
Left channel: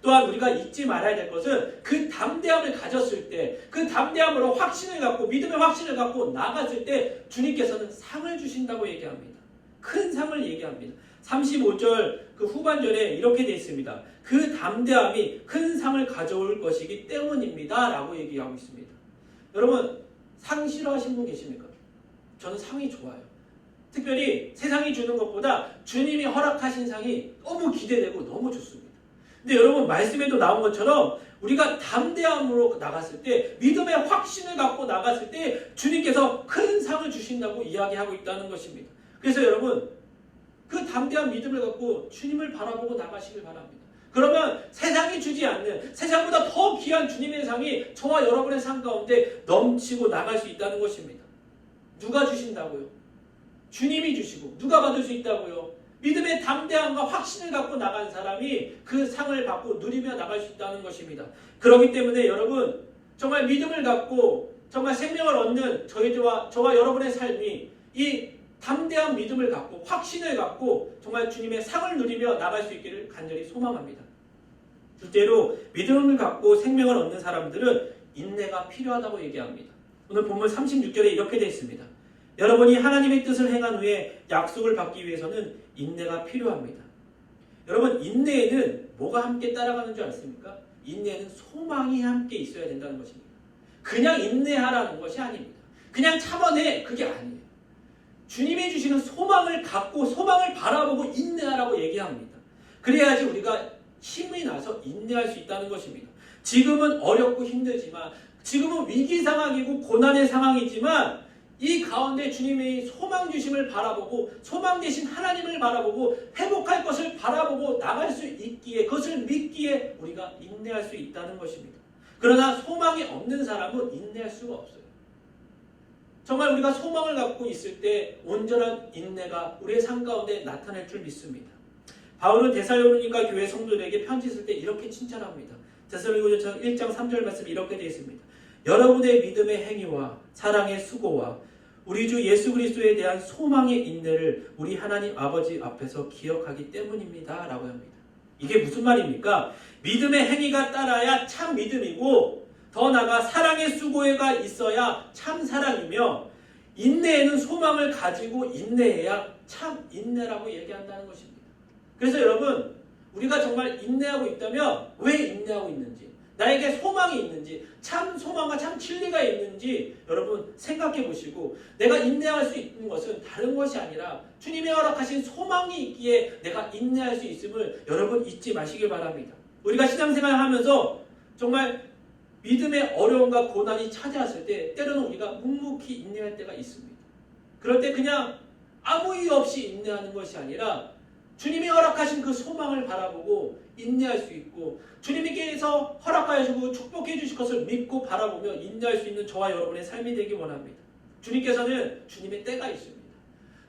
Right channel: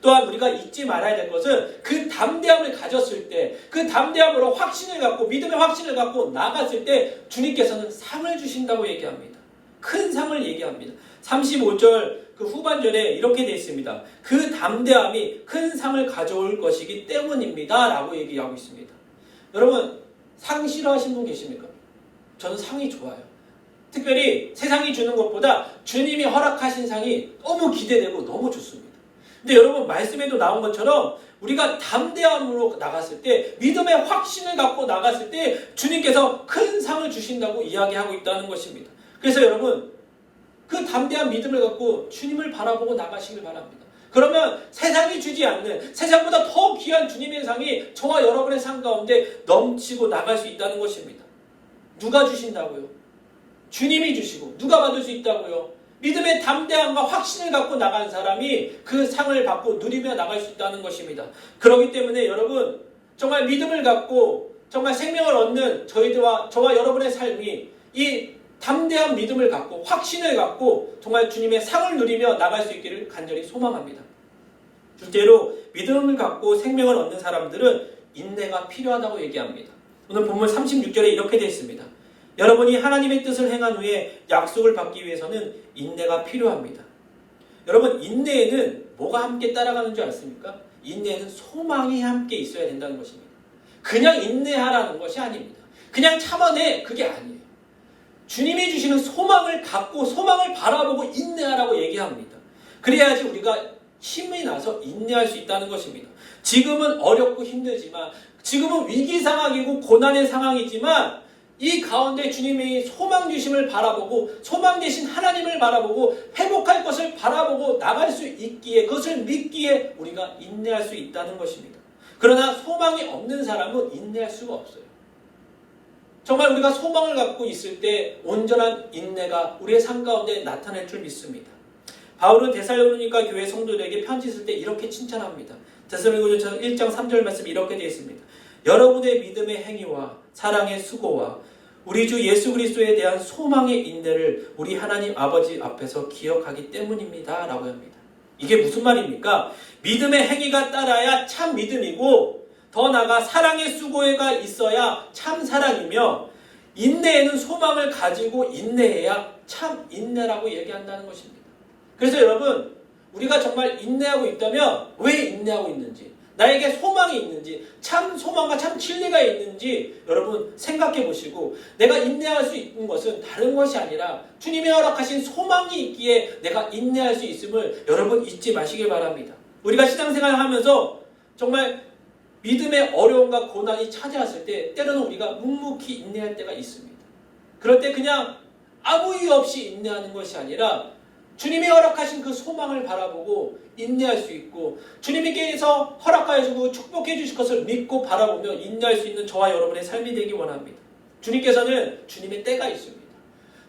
또한 우리가 잊지 말아야 될 것은 그 담대함을 가졌을 때, 그 담대함으로 확신을 갖고 믿음의 확신을 갖고 나갔을 때 주님께서는 상을 주신다고 얘기합니다. 큰 상을 얘기합니다. 35절 그 후반절에 이렇게 되어 있습니다. 그 담대함이 큰 상을 가져올 것이기 때문입니다 라고 얘기하고 있습니다. 여러분 상 싫어하시는 분 계십니까? 저는 상이 좋아요. 특별히 세상이 주는 것보다 주님이 허락하신 상이 너무 기대되고 너무 좋습니다. 근데 여러분 말씀에도 나온 것처럼 우리가 담대함으로 나갔을 때, 믿음의 확신을 갖고 나갔을 때 주님께서 큰 상을 주신다고 이야기하고 있다는 것입니다. 그래서 여러분 그 담대한 믿음을 갖고 주님을 바라보고 나가시길 바랍니다. 그러면 세상이 주지 않는, 세상보다 더 귀한 주님의 상이 저와 여러분의 삶 가운데 넘치고 나갈 수 있다는 것입니다. 누가 주신다고요? 주님이 주시고. 누가 받을 수 있다고요? 믿음의 담대함과 확신을 갖고 나간 사람이 그 상을 받고 누리며 나갈 수 있다는 것입니다. 그렇기 때문에 여러분 정말 믿음을 갖고 정말 생명을 얻는 저와 여러분의 삶이 이 담대한 믿음을 갖고 확신을 갖고 정말 주님의 상을 누리며 나갈 수 있기를 간절히 소망합니다. 둘째로 믿음을 갖고 생명을 얻는 사람들은 인내가 필요하다고 얘기합니다. 오늘 본문 36절에 이렇게 되어 있습니다. 여러분이 하나님의 뜻을 행한 후에 약속을 받기 위해서는 인내가 필요합니다. 여러분 인내에는 뭐가 함께 따라가는 줄 아십니까? 인내에는 소망이 함께 있어야 된다는 것입니다. 그냥 인내하라는 것이 아닙니다. 그냥 참아내, 그게 아니에요. 주님이 주시는 소망을 갖고 소망을 바라보고 인내하라고 얘기합니다. 그래야지 우리가 힘이 나서 인내할 수 있다는 것입니다. 지금은 어렵고 힘들지만, 지금은 위기 상황이고 고난의 상황이지만 이 가운데 주님의 소망 주심을 바라보고 소망 되신 하나님을 바라보고 회복할 것을 바라보고 나갈 수 있기에, 그것을 믿기에 우리가 인내할 수 있다는 것입니다. 그러나 소망이 없는 사람은 인내할 수가 없어요. 정말 우리가 소망을 갖고 있을 때 온전한 인내가 우리의 삶 가운데 나타날 줄 믿습니다. 바울은 데살로니가 교회 성도들에게 편지 쓸 때 이렇게 칭찬합니다. 데살로니가서 1장 3절 말씀 이렇게 되어 있습니다. 여러분의 믿음의 행위와 사랑의 수고와 우리 주 예수 그리스도에 대한 소망의 인내를 우리 하나님 아버지 앞에서 기억하기 때문입니다 라고 합니다. 이게 무슨 말입니까? 믿음의 행위가 따라야 참 믿음이고 더 나아가 사랑의 수고가 있어야 참 사랑이며 인내에는 소망을 가지고 인내해야 참 인내라고 얘기한다는 것입니다. 그래서 여러분 우리가 정말 인내하고 있다면 왜 인내하고 있는지, 나에게 소망이 있는지, 참 소망과 참 진리가 있는지 여러분 생각해 보시고, 내가 인내할 수 있는 것은 다른 것이 아니라 주님이 허락하신 소망이 있기에 내가 인내할 수 있음을 여러분 잊지 마시길 바랍니다. 우리가 신앙생활을 하면서 정말 믿음의 어려움과 고난이 찾아왔을 때 때로는 우리가 묵묵히 인내할 때가 있습니다. 그럴 때 그냥 아무 이유 없이 인내하는 것이 아니라 주님이 허락하신 그 소망을 바라보고 인내할 수 있고, 주님께서 허락하여 주고 축복해 주실 것을 믿고 바라보며 인내할 수 있는 저와 여러분의 삶이 되기 원합니다. 주님께서는 주님의 때가 있습니다.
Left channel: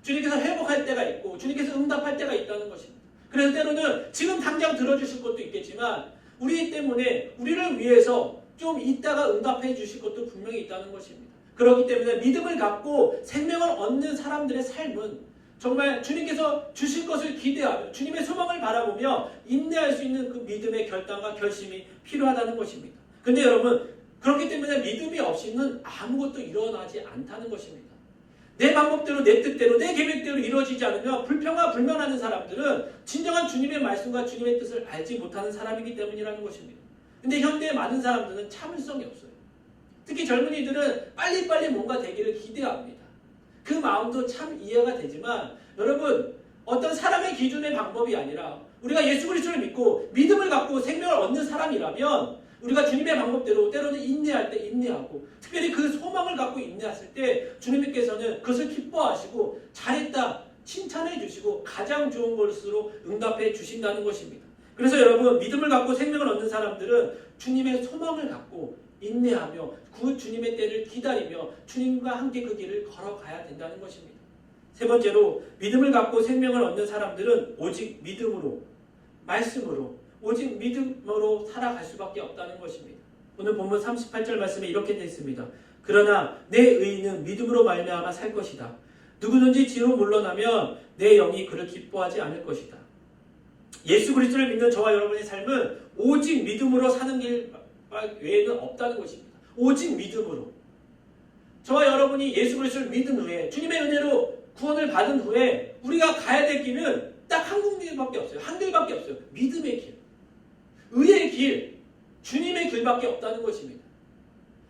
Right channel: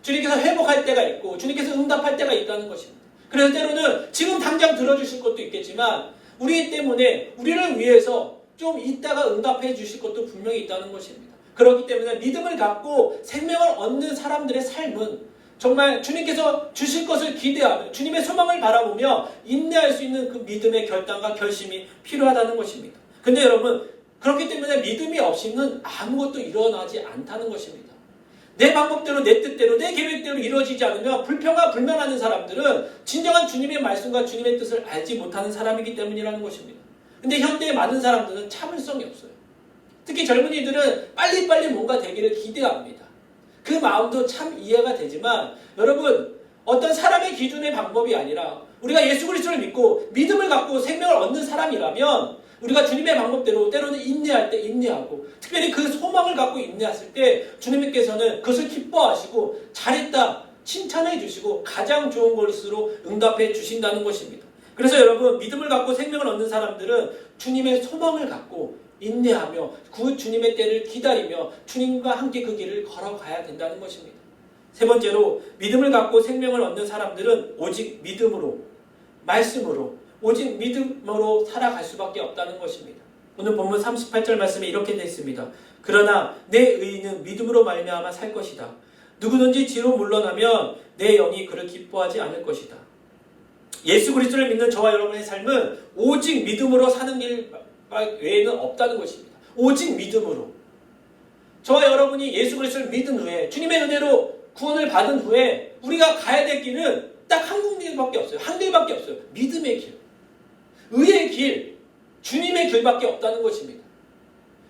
주님께서 회복할 때가 있고 주님께서 응답할 때가 있다는 것입니다. 그래서 때로는 지금 당장 들어주실 것도 있겠지만 우리 때문에 우리를 위해서 좀 이따가 응답해 주실 것도 분명히 있다는 것입니다. 그렇기 때문에 믿음을 갖고 생명을 얻는 사람들의 삶은 정말 주님께서 주실 것을 기대하며 주님의 소망을 바라보며 인내할 수 있는 그 믿음의 결단과 결심이 필요하다는 것입니다. 근데 여러분, 그렇기 때문에 믿음이 없이는 아무것도 일어나지 않다는 것입니다. 내 방법대로, 내 뜻대로, 내 계획대로 이루어지지 않으면 불평과 불만하는 사람들은 진정한 주님의 말씀과 주님의 뜻을 알지 못하는 사람이기 때문이라는 것입니다. 근데 현대의 많은 사람들은 참을성이 없어요. 특히 젊은이들은 빨리빨리 뭔가 되기를 기대합니다. 그 마음도 참 이해가 되지만 여러분, 어떤 사람의 기준의 방법이 아니라 우리가 예수 그리스도를 믿고 믿음을 갖고 생명을 얻는 사람이라면 우리가 주님의 방법대로 때로는 인내할 때 인내하고 특별히 그 소망을 갖고 인내했을 때 주님께서는 그것을 기뻐하시고 잘했다 칭찬해 주시고 가장 좋은 것으로 응답해 주신다는 것입니다. 그래서 여러분, 믿음을 갖고 생명을 얻는 사람들은 주님의 소망을 갖고 인내하며 그 주님의 때를 기다리며 주님과 함께 그 길을 걸어가야 된다는 것입니다. 세 번째로, 믿음을 갖고 생명을 얻는 사람들은 오직 믿음으로, 말씀으로, 오직 믿음으로 살아갈 수밖에 없다는 것입니다. 오늘 본문 38절 말씀에 이렇게 되어 있습니다. 그러나 내 의인은 믿음으로 말미암아 살 것이다. 누구든지 뒤로 물러나면 내 영이 그를 기뻐하지 않을 것이다. 예수 그리스도를 믿는 저와 여러분의 삶은 오직 믿음으로 사는 길 외에는 없다는 것입니다. 오직 믿음으로. 저와 여러분이 예수 그리스도를 믿은 후에 주님의 은혜로 구원을 받은 후에 우리가 가야 될 길은 딱 한 군데밖에 없어요. 한 길밖에 없어요. 믿음의 길, 의의 길, 주님의 길밖에 없다는 것입니다.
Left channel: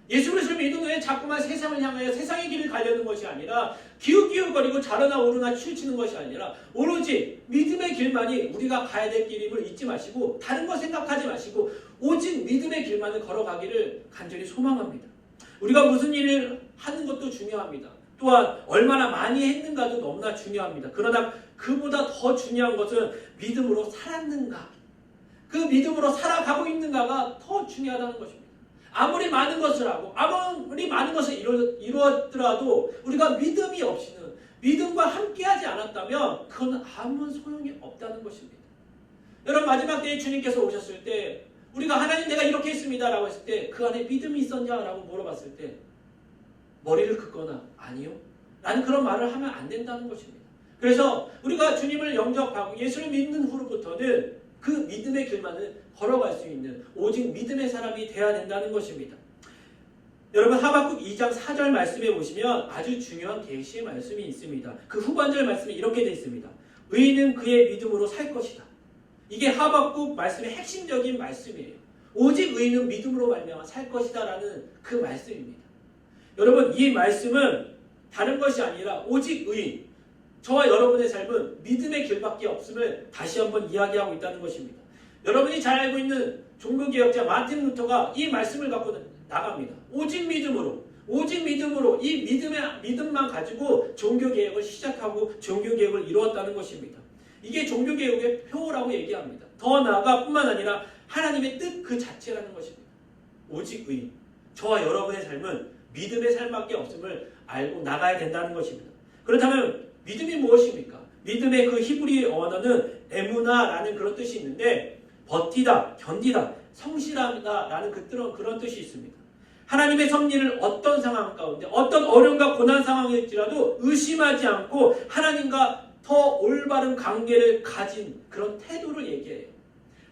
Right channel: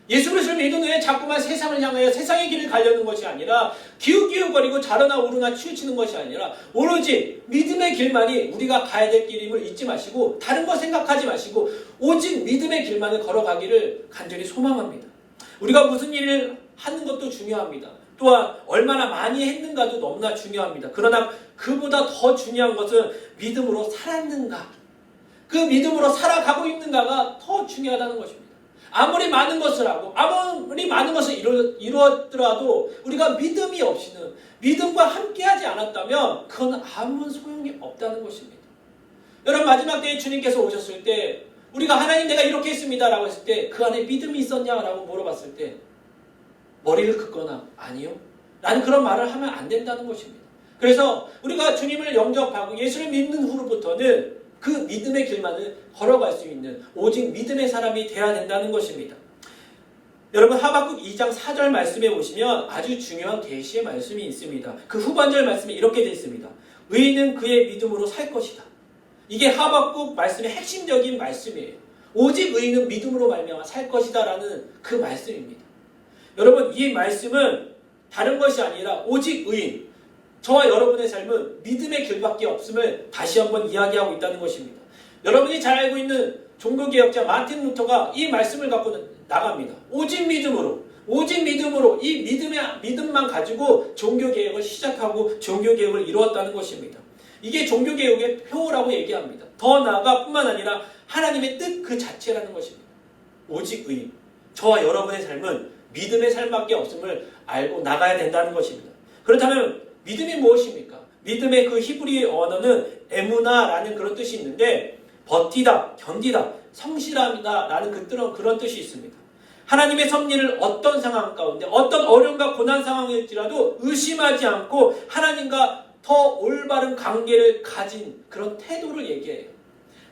예수 그리스도를 믿은 후에 자꾸만 세상을 향하여 세상의 길을 가려는 것이 아니라 기웃기웃거리고 자르나 오르나 치우치는 것이 아니라 오로지 믿음의 길만이 우리가 가야 될 길임을 잊지 마시고 다른 거 생각하지 마시고 오직 믿음의 길만을 걸어가기를 간절히 소망합니다. 우리가 무슨 일을 하는 것도 중요합니다. 또한 얼마나 많이 했는가도 너무나 중요합니다. 그러나 그보다 더 중요한 것은 믿음으로 살았는가, 그 믿음으로 살아가고 있는가가 더 중요하다는 것입니다. 아무리 많은 것을 하고 아무리 많은 것을 이루었더라도 우리가 믿음이 없이는, 믿음과 함께하지 않았다면 그건 아무 소용이 없다는 것입니다. 여러분, 마지막 때에 주님께서 오셨을 때 우리가 하나님 내가 이렇게 했습니다 라고 했을 때 그 안에 믿음이 있었냐라고 물어봤을 때 머리를 긋거나 아니요 라는 그런 말을 하면 안 된다는 것입니다. 그래서 우리가 주님을 영접하고 예수를 믿는 후로부터는 그 믿음의 길만을 걸어갈 수 있는 오직 믿음의 사람이 되어야 된다는 것입니다. 여러분, 하박국 2장 4절 말씀에 보시면 아주 중요한 계시의 말씀이 있습니다. 그 후반절 말씀에 이렇게 되어 있습니다. 의인은 그의 믿음으로 살 것이다. 이게 하박국 말씀의 핵심적인 말씀이에요. 오직 의인은 믿음으로 말미암아 살 것이다 라는 그 말씀입니다. 여러분, 이 말씀은 다른 것이 아니라 오직 의인, 저와 여러분의 삶은 믿음의 길밖에 없음을 다시 한번 이야기하고 있다는 것입니다. 여러분이 잘 알고 있는 종교개혁자 마틴 루터가 이 말씀을 갖고 나갑니다. 오직 믿음으로 이 믿음만 가지고 종교개혁을 시작하고 종교개혁을 이루었다는 것입니다. 이게 종교개혁의 표라고 얘기합니다. 더 나아가 뿐만 아니라 하나님의 뜻 그 자체라는 것입니다. 오직 의인, 저와 여러분의 삶은 믿음의 삶밖에 없음을 알고 나가야 된다는 것입니다. 그렇다면 믿음이 무엇입니까? 믿음의 그 히브리 언어는 에무나라는 그런 뜻이 있는데 버티다, 견디다, 성실하다 라는 그런 뜻이 있습니다. 하나님의 섭리를 어떤 상황 가운데 어떤 어려움과 고난 상황일지라도 의심하지 않고 하나님과 더 올바른 관계를 가진 그런 태도를 얘기해요.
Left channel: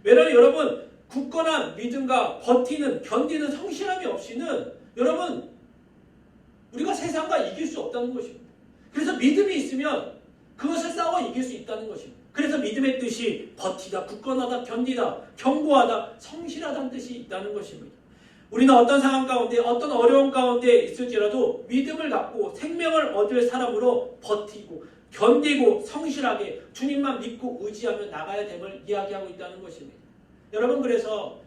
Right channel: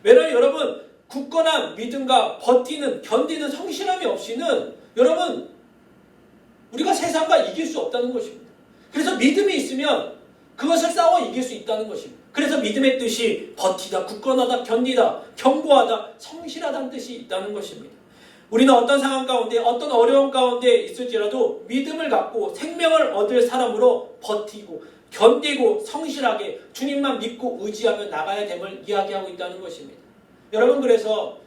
왜냐하면 여러분, 굳건한 믿음과 버티는, 견디는 성실함이 없이는 여러분, 우리가 세상과 이길 수 없다는 것입니다. 그래서 믿음이 있으면 그것을 싸워 이길 수 있다는 것입니다. 그래서 믿음의 뜻이 버티다, 굳건하다, 견디다, 견고하다, 성실하다는 뜻이 있다는 것입니다. 우리는 어떤 상황 가운데, 어떤 어려움 가운데 있을지라도 믿음을 갖고 생명을 얻을 사람으로 버티고 견디고 성실하게 주님만 믿고 의지하며 나가야 됨을 이야기하고 있다는 것입니다. 여러분, 그래서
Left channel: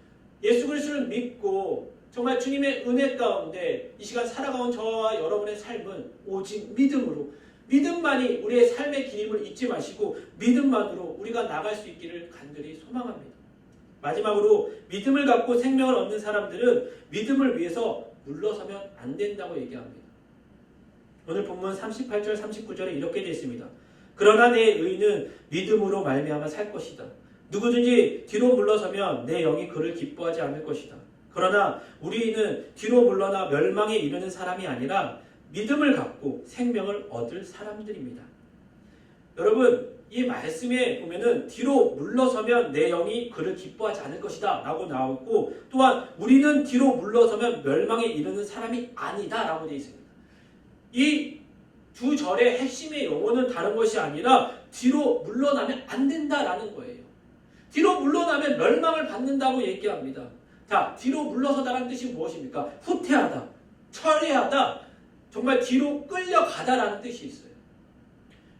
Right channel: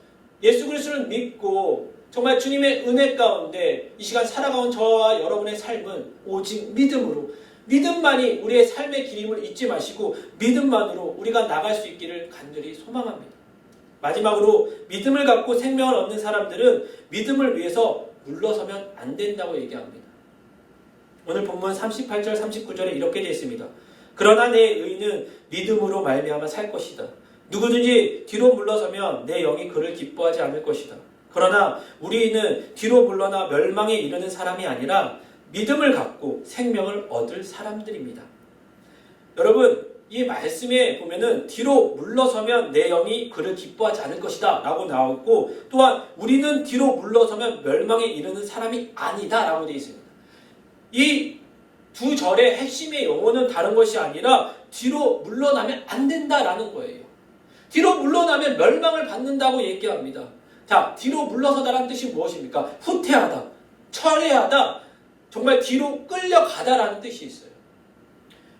예수 그리스도를 믿고 정말 주님의 은혜 가운데 이 시간 살아가온 저와 여러분의 삶은 오직 믿음으로, 믿음만이 우리의 삶의 길임을 잊지 마시고 믿음만으로 우리가 나갈 수 있기를 간절히 소망합니다. 마지막으로 믿음을 갖고 생명을 얻는 사람들은 믿음을 위해서 물러서면 안 된다고 얘기합니다. 오늘 본문 38절 39절에 이렇게 되어 있습니다. 그러나 내 의인은 믿음으로 말미암아 살 것이다. 누구든지 뒤로 물러서면 내 영이 그를 기뻐하지 않을 것이다. 그러나 우리는 뒤로 물러나 멸망에 이르는 사람이 아니라 믿음을 갖고 생명을 얻을 사람들입니다. 여러분, 이 말씀에 보면은 뒤로 물러서면 내 영이 그를 기뻐하지 않을 것이다 라고 나오고, 또한 우리는 뒤로 물러서면 멸망에 이르는 사람이 아니다 라고 되어 있습니다. 이 두 절의 핵심의 용어는 다른 것이 아니라 뒤로 물러나면 안 된다라는 거예요. 뒤로 물러나면 멸망을 받는다고 얘기합니다. 자, 뒤로 물러서다라는 뜻이 무엇입니까? 후퇴하다, 철회하다, 정말 뒤로 끌려가다라는 뜻이 있어요.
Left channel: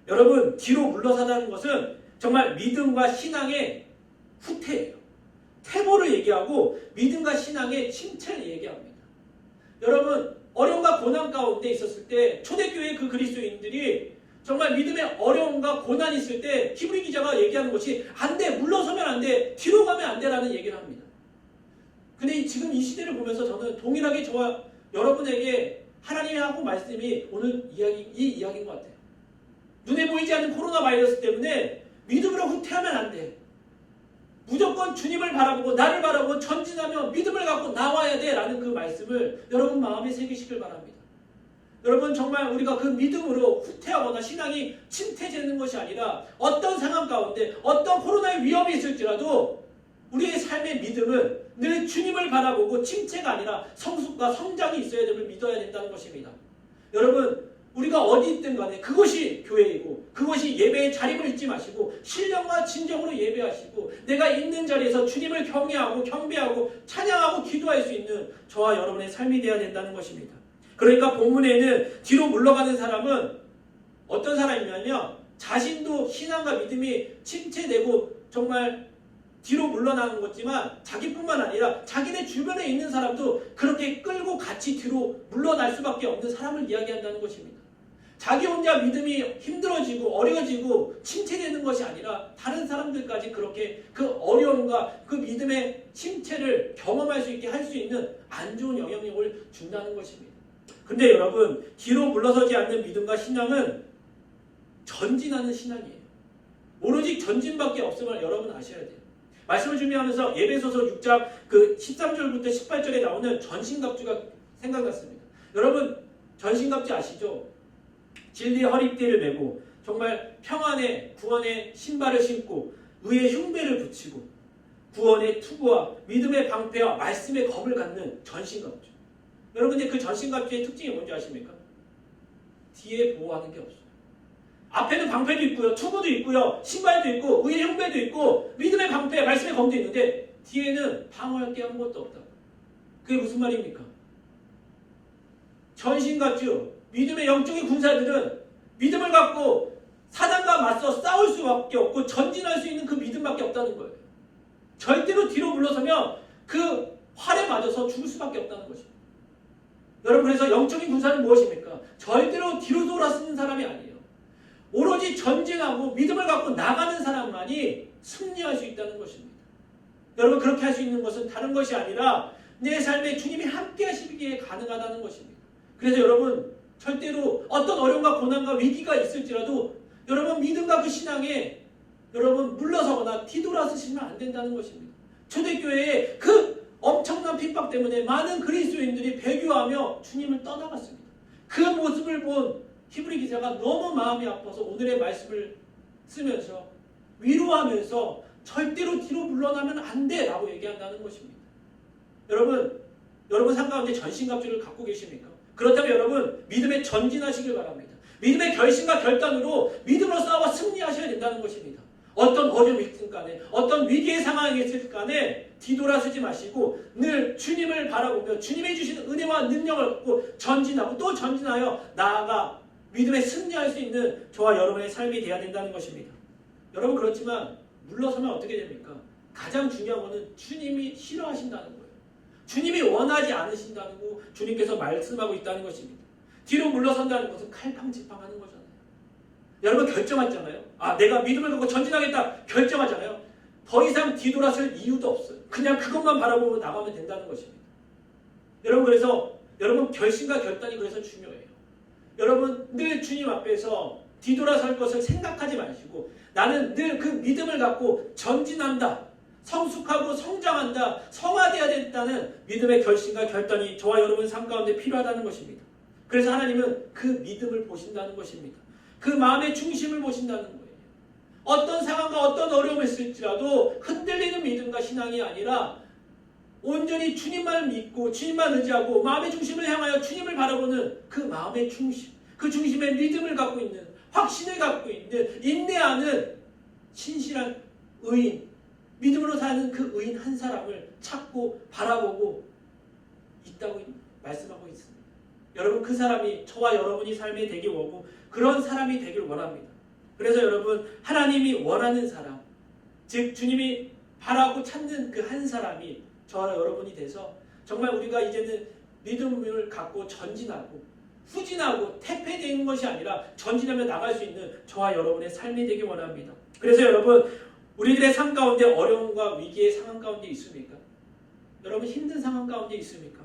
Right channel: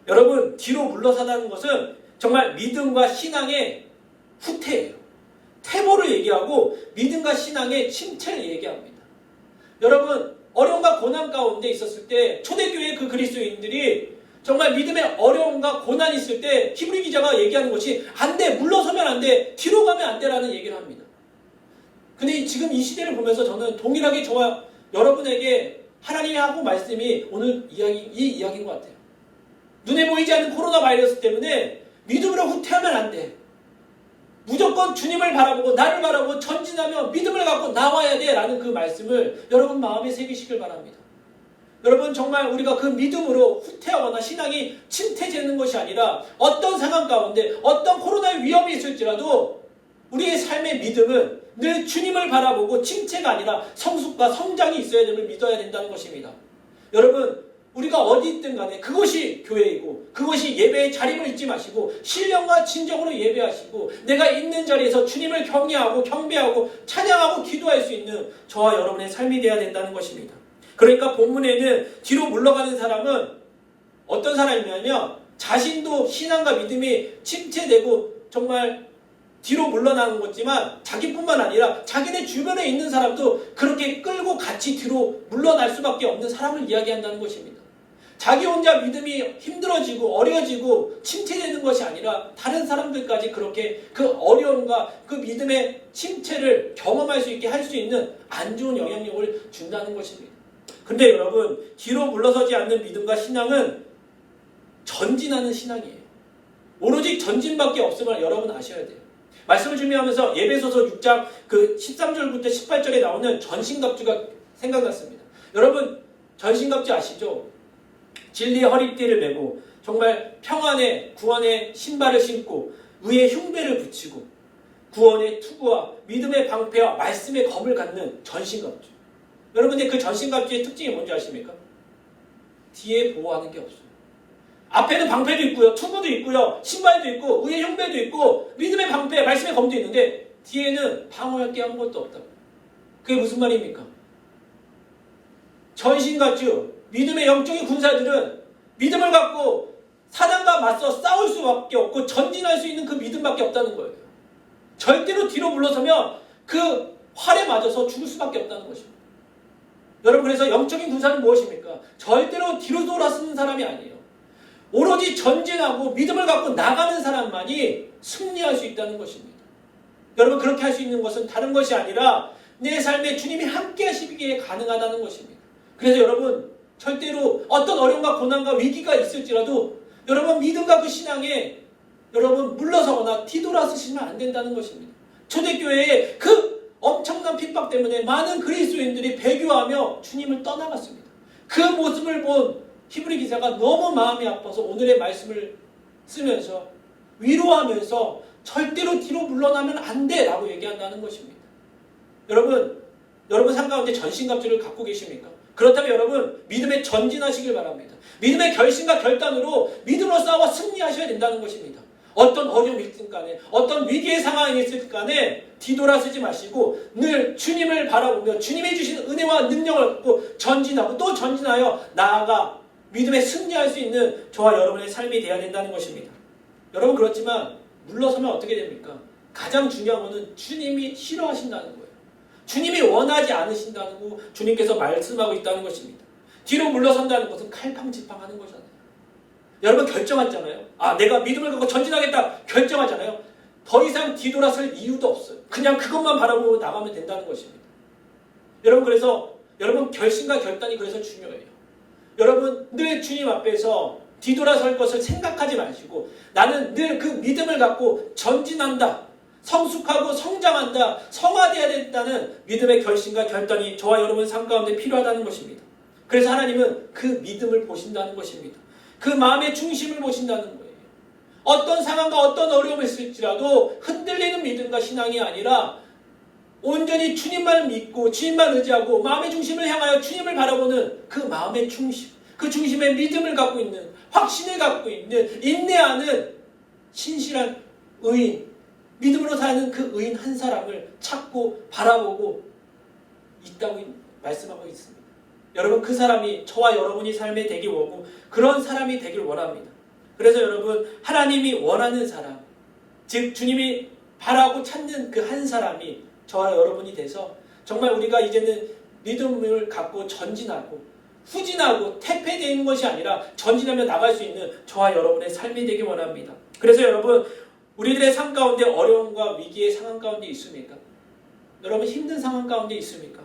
여러분, 뒤로 물러서다는 것은 정말 믿음과 신앙의 후퇴예요. 퇴보를 얘기하고 믿음과 신앙의 침체를 얘기합니다. 여러분, 어려움과 고난 가운데 있었을 때 초대교회 그 그리스도인들이 정말 믿음의 어려움과 고난이 있을 때 히브리 기자가 얘기하는 것이 안 돼, 물러서면 안 돼, 뒤로 가면 안 돼라는 얘기를 합니다. 근데 지금 이 시대를 보면서 저는 동일하게 저와 여러분에게 하나님이 하고 말씀이 오늘 이 이야기인 것 같아요. 눈에 보이지 않는 코로나 바이러스 때문에 믿음으로 후퇴하면 안 돼. 무조건 주님을 바라보고 나를 바라보고 전진하며 믿음을 갖고 나와야 돼 라는 그 말씀을 여러분 마음에 새기시길 바랍니다. 여러분, 정말 우리가 그 믿음으로 후퇴하거나 신앙이 침체되는 것이 아니라 어떤 상황 가운데 어떤 코로나의 위험이 있을지라도 우리의 삶의 믿음은 늘 주님을 바라보고 침체가 아니라 성숙과 성장이 있어야 됨을 믿어야 된다는 것입니다. 여러분, 우리가 어디 있든 간에 그것이 교회이고 그것이 예배의 자림을 잊지 마시고 신령과 진정으로 예배하시고 내가 있는 자리에서 주님을 경외하고 경배하고 찬양하고 기도할 수 있는 저와 여러분의 삶이 되어야 된다는 것입니다. 그러니까 본문에는 뒤로 물러가는 사람은 어떤 사람이냐면 자신도 신앙과 믿음이 침체되고 정말 뒤로 물러나는 거지만 자기뿐만 아니라 자기네 주변에 있는 사람도 그렇게 끌고 같이 뒤로 물러날 수밖에 없는 사람을 이야기한다는 것입니다. 자기 혼자 믿음이 힘들어지고 어려워지고 침체되는 것이 아니라 다른 사람들까지 그렇게 그 어려움과 그 믿음의 침체를 경험할 수 있게 할 수 있는 안 좋은 영향력을 준다는 것입니다. 근데 여러분, 뒤로 물러서지 않는 믿음과 신앙은 전진하는 신앙이에요. 오로지 전진밖에 없음을 여러분 아셔야 돼요. 말씀을 준비하면서 예배소서 6장 그 13절부터 18절에 나오는 전신갑주가 생각났습니다. 여러분, 전신갑주 아시죠? 진리의 허리띠를 메고 정말 평안의 구원의 신발을 신고 의의 흉배를 붙이고 구원의 투구와 믿음의 방패와 말씀의 검을 갖는 전신갑주. 여러분, 근데 그 전신갑주의 특징이 뭔지 아십니까? 뒤에 보호하는 게 없어요. 앞에는 방패도 있고요, 투구도 있고요, 신발도 있고 의의 흉배도 있고 믿음의 방패, 말씀의 검도 있는데 뒤에는 방어할 게 아무것도 없다. 그게 무슨 말입니까? 전신갑주, 믿음의 영적인 군사들은 믿음을 갖고 사단과 맞서 싸울 수밖에 없고 전진할 수 있는 그 믿음밖에 없다는 거예요. 절대로 뒤로 물러서면 그 활에 맞아서 죽을 수밖에 없다는 것입니다. 여러분, 그래서 영적인 군사는 무엇입니까? 절대로 뒤로 돌아서는 사람이 아니에요. 오로지 전진하고 믿음을 갖고 나가는 사람만이 승리할 수 있다는 것입니다. 여러분, 그렇게 할 수 있는 것은 다른 것이 아니라 내 삶에 주님이 함께 하시기에 가능하다는 것입니다. 그래서 여러분, 절대로 어떤 어려움과 고난과 위기가 있을지라도 여러분 믿음과 그 신앙에 여러분 물러서거나 뒤돌아서시면 안 된다는 것입니다. 초대교회의 그 엄청난 핍박 때문에 많은 그리스도인들이 배교하며 주님을 떠나갔습니다. 그 모습을 본 히브리 기자가 너무 마음이 아파서 오늘의 말씀을 쓰면서 위로하면서 절대로 뒤로 물러나면 안 돼 라고 얘기한다는 것입니다. 여러분 삶 가운데 전신갑주를 갖고 계십니까? 그렇다면 여러분 믿음에 전진하시길 바랍니다. 믿음의 결심과 결단으로 믿음으로 싸워 승리하셔야 된다는 것입니다. 어떤 어려움이 있든 간에 어떤 위기의 상황이 있을 간에 뒤돌아서지 마시고 늘 주님을 바라보며 주님이 주신 은혜와 능력을 갖고 전진하고 또 전진하여 나아가 믿음에 승리할 수 있는 저와 여러분의 삶이 되어야 된다는 것입니다. 여러분, 그렇지만 물러서면 어떻게 됩니까? 가장 중요한 것은 주님이 싫어하신다는 거예요. 주님이 원하지 않으신다고 주님께서 말씀하고 있다는 것입니다. 뒤로 물러선다는 것은 칼팡지팡하는 거잖아요. 여러분, 결정하잖아요. 내가 믿음을 갖고 전진하겠다 결정하잖아요. 더 이상 뒤돌아설 이유도 없어요. 그냥 그것만 바라보고 나가면 된다는 것입니다. 여러분, 그래서 여러분 결심과 결단이 그래서 중요해요. 여러분 늘 주님 앞에서 뒤돌아설 것을 생각하지 마시고 나는 늘 그 믿음을 갖고 전진한다. 성숙하고 성장한다, 성화되어야 된다는 믿음의 결심과 결단이 저와 여러분 삶 가운데 필요하다는 것입니다. 그래서 하나님은 그 믿음을 보신다는 것입니다. 그 마음의 중심을 보신다는 거예요. 어떤 상황과 어떤 어려움이 있을지라도 흔들리는 믿음과 신앙이 아니라 온전히 주님만을 믿고 주님만 의지하고 마음의 중심을 향하여 주님을 바라보는 그 마음의 중심, 그 중심에 믿음을 갖고 있는, 확신을 갖고 있는, 인내하는 신실한 의인, 믿음으로 사는 그 의인 한 사람을 찾고 바라보고 있다고 말씀하고 있습니다. 여러분, 그 사람이 저와 여러분이 삶에 되기 원하고 그런 사람이 되길 원합니다. 그래서 여러분, 하나님이 원하는 사람, 즉 주님이 바라고 찾는 그 한 사람이 저와 여러분이 돼서 정말 우리가 이제는 믿음을 갖고 전진하고 후진하고 퇴폐되는 것이 아니라 전진하며 나갈 수 있는 저와 여러분의 삶이 되기 원합니다. 그래서 여러분, 우리들의 삶 가운데 어려움과 위기의 상황 가운데 있습니까? 여러분, 힘든 상황 가운데 있습니까?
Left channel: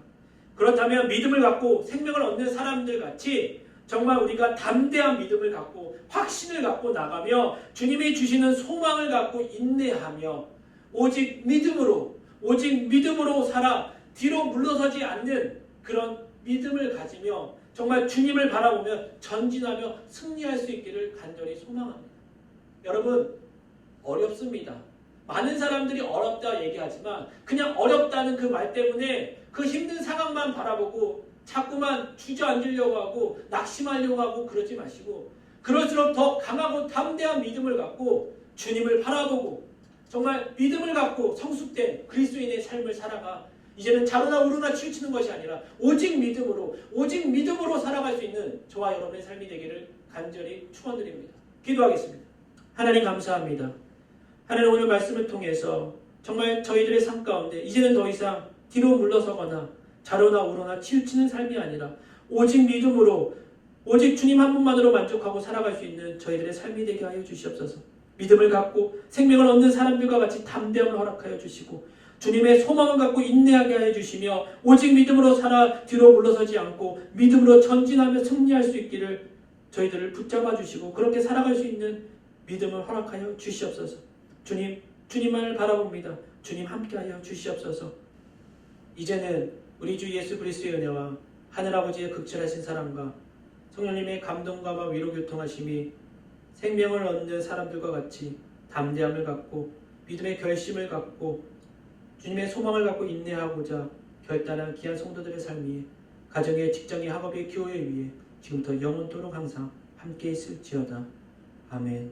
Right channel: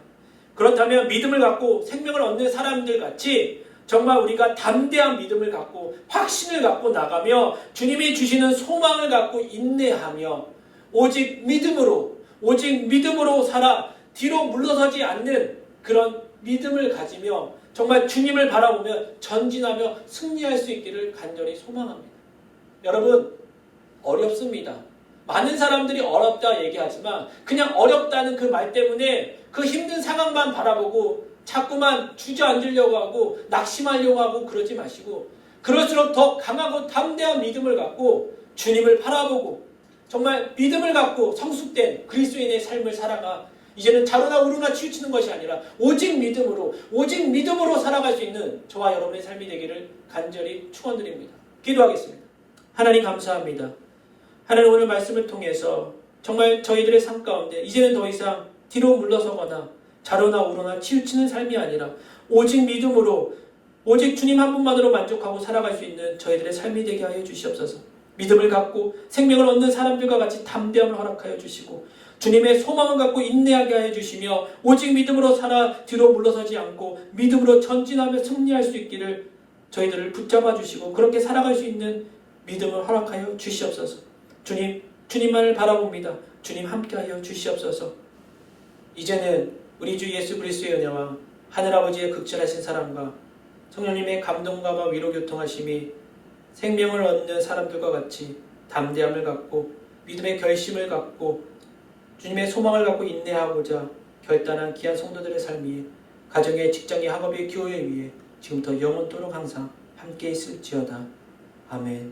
그렇다면 믿음을 갖고 생명을 얻는 사람들 같이 정말 우리가 담대한 믿음을 갖고 확신을 갖고 나가며 주님이 주시는 소망을 갖고 인내하며 오직 믿음으로 살아 뒤로 물러서지 않는 그런 믿음을 가지며 정말 주님을 바라보며 전진하며 승리할 수 있기를 간절히 소망합니다. 여러분, 어렵습니다. 많은 사람들이 어렵다 얘기하지만 그냥 어렵다는 그 말 때문에 그 힘든 상황만 바라보고 자꾸만 주저앉으려고 하고 낙심하려고 하고 그러지 마시고 그럴수록 더 강하고 담대한 믿음을 갖고 주님을 바라보고 정말 믿음을 갖고 성숙된 그리스도인의 삶을 살아가 이제는 자로나 우로나 치우치는 것이 아니라 오직 믿음으로 살아갈 수 있는 저와 여러분의 삶이 되기를 간절히 축원드립니다. 기도하겠습니다. 하나님, 감사합니다. 하나님, 오늘 말씀을 통해서 정말 저희들의 삶 가운데 이제는 더 이상 뒤로 물러서거나 자로나 우로나 치우치는 삶이 아니라 오직 믿음으로 오직 주님 한 분만으로 만족하고 살아갈 수 있는 저희들의 삶이 되게 하여 주시옵소서. 믿음을 갖고 생명을 얻는 사람들과 같이 담대함을 허락하여 주시고 주님의 소망을 갖고 인내하게 하여 주시며 오직 믿음으로 살아 뒤로 물러서지 않고 믿음으로 전진하며 승리할 수 있기를 저희들을 붙잡아 주시고 그렇게 살아갈 수 있는 믿음을 허락하여 주시옵소서. 주님만을 바라봅니다. 주님 함께하여 주시옵소서. 이제는 우리 주 예수 그리스도의 은혜와 하늘아버지의 극진하신 사랑과 성령님의 감동과 위로 교통하심이 생명을 얻는 사람들과 같이 담대함을 갖고 믿음의 결심을 갖고 주님의 소망을 갖고 인내하고자 결단한 귀한 성도들의 삶이 가정의 직장의 학업의 교회 위에 지금부터 영원토록 항상 함께 있을지어다. 아멘.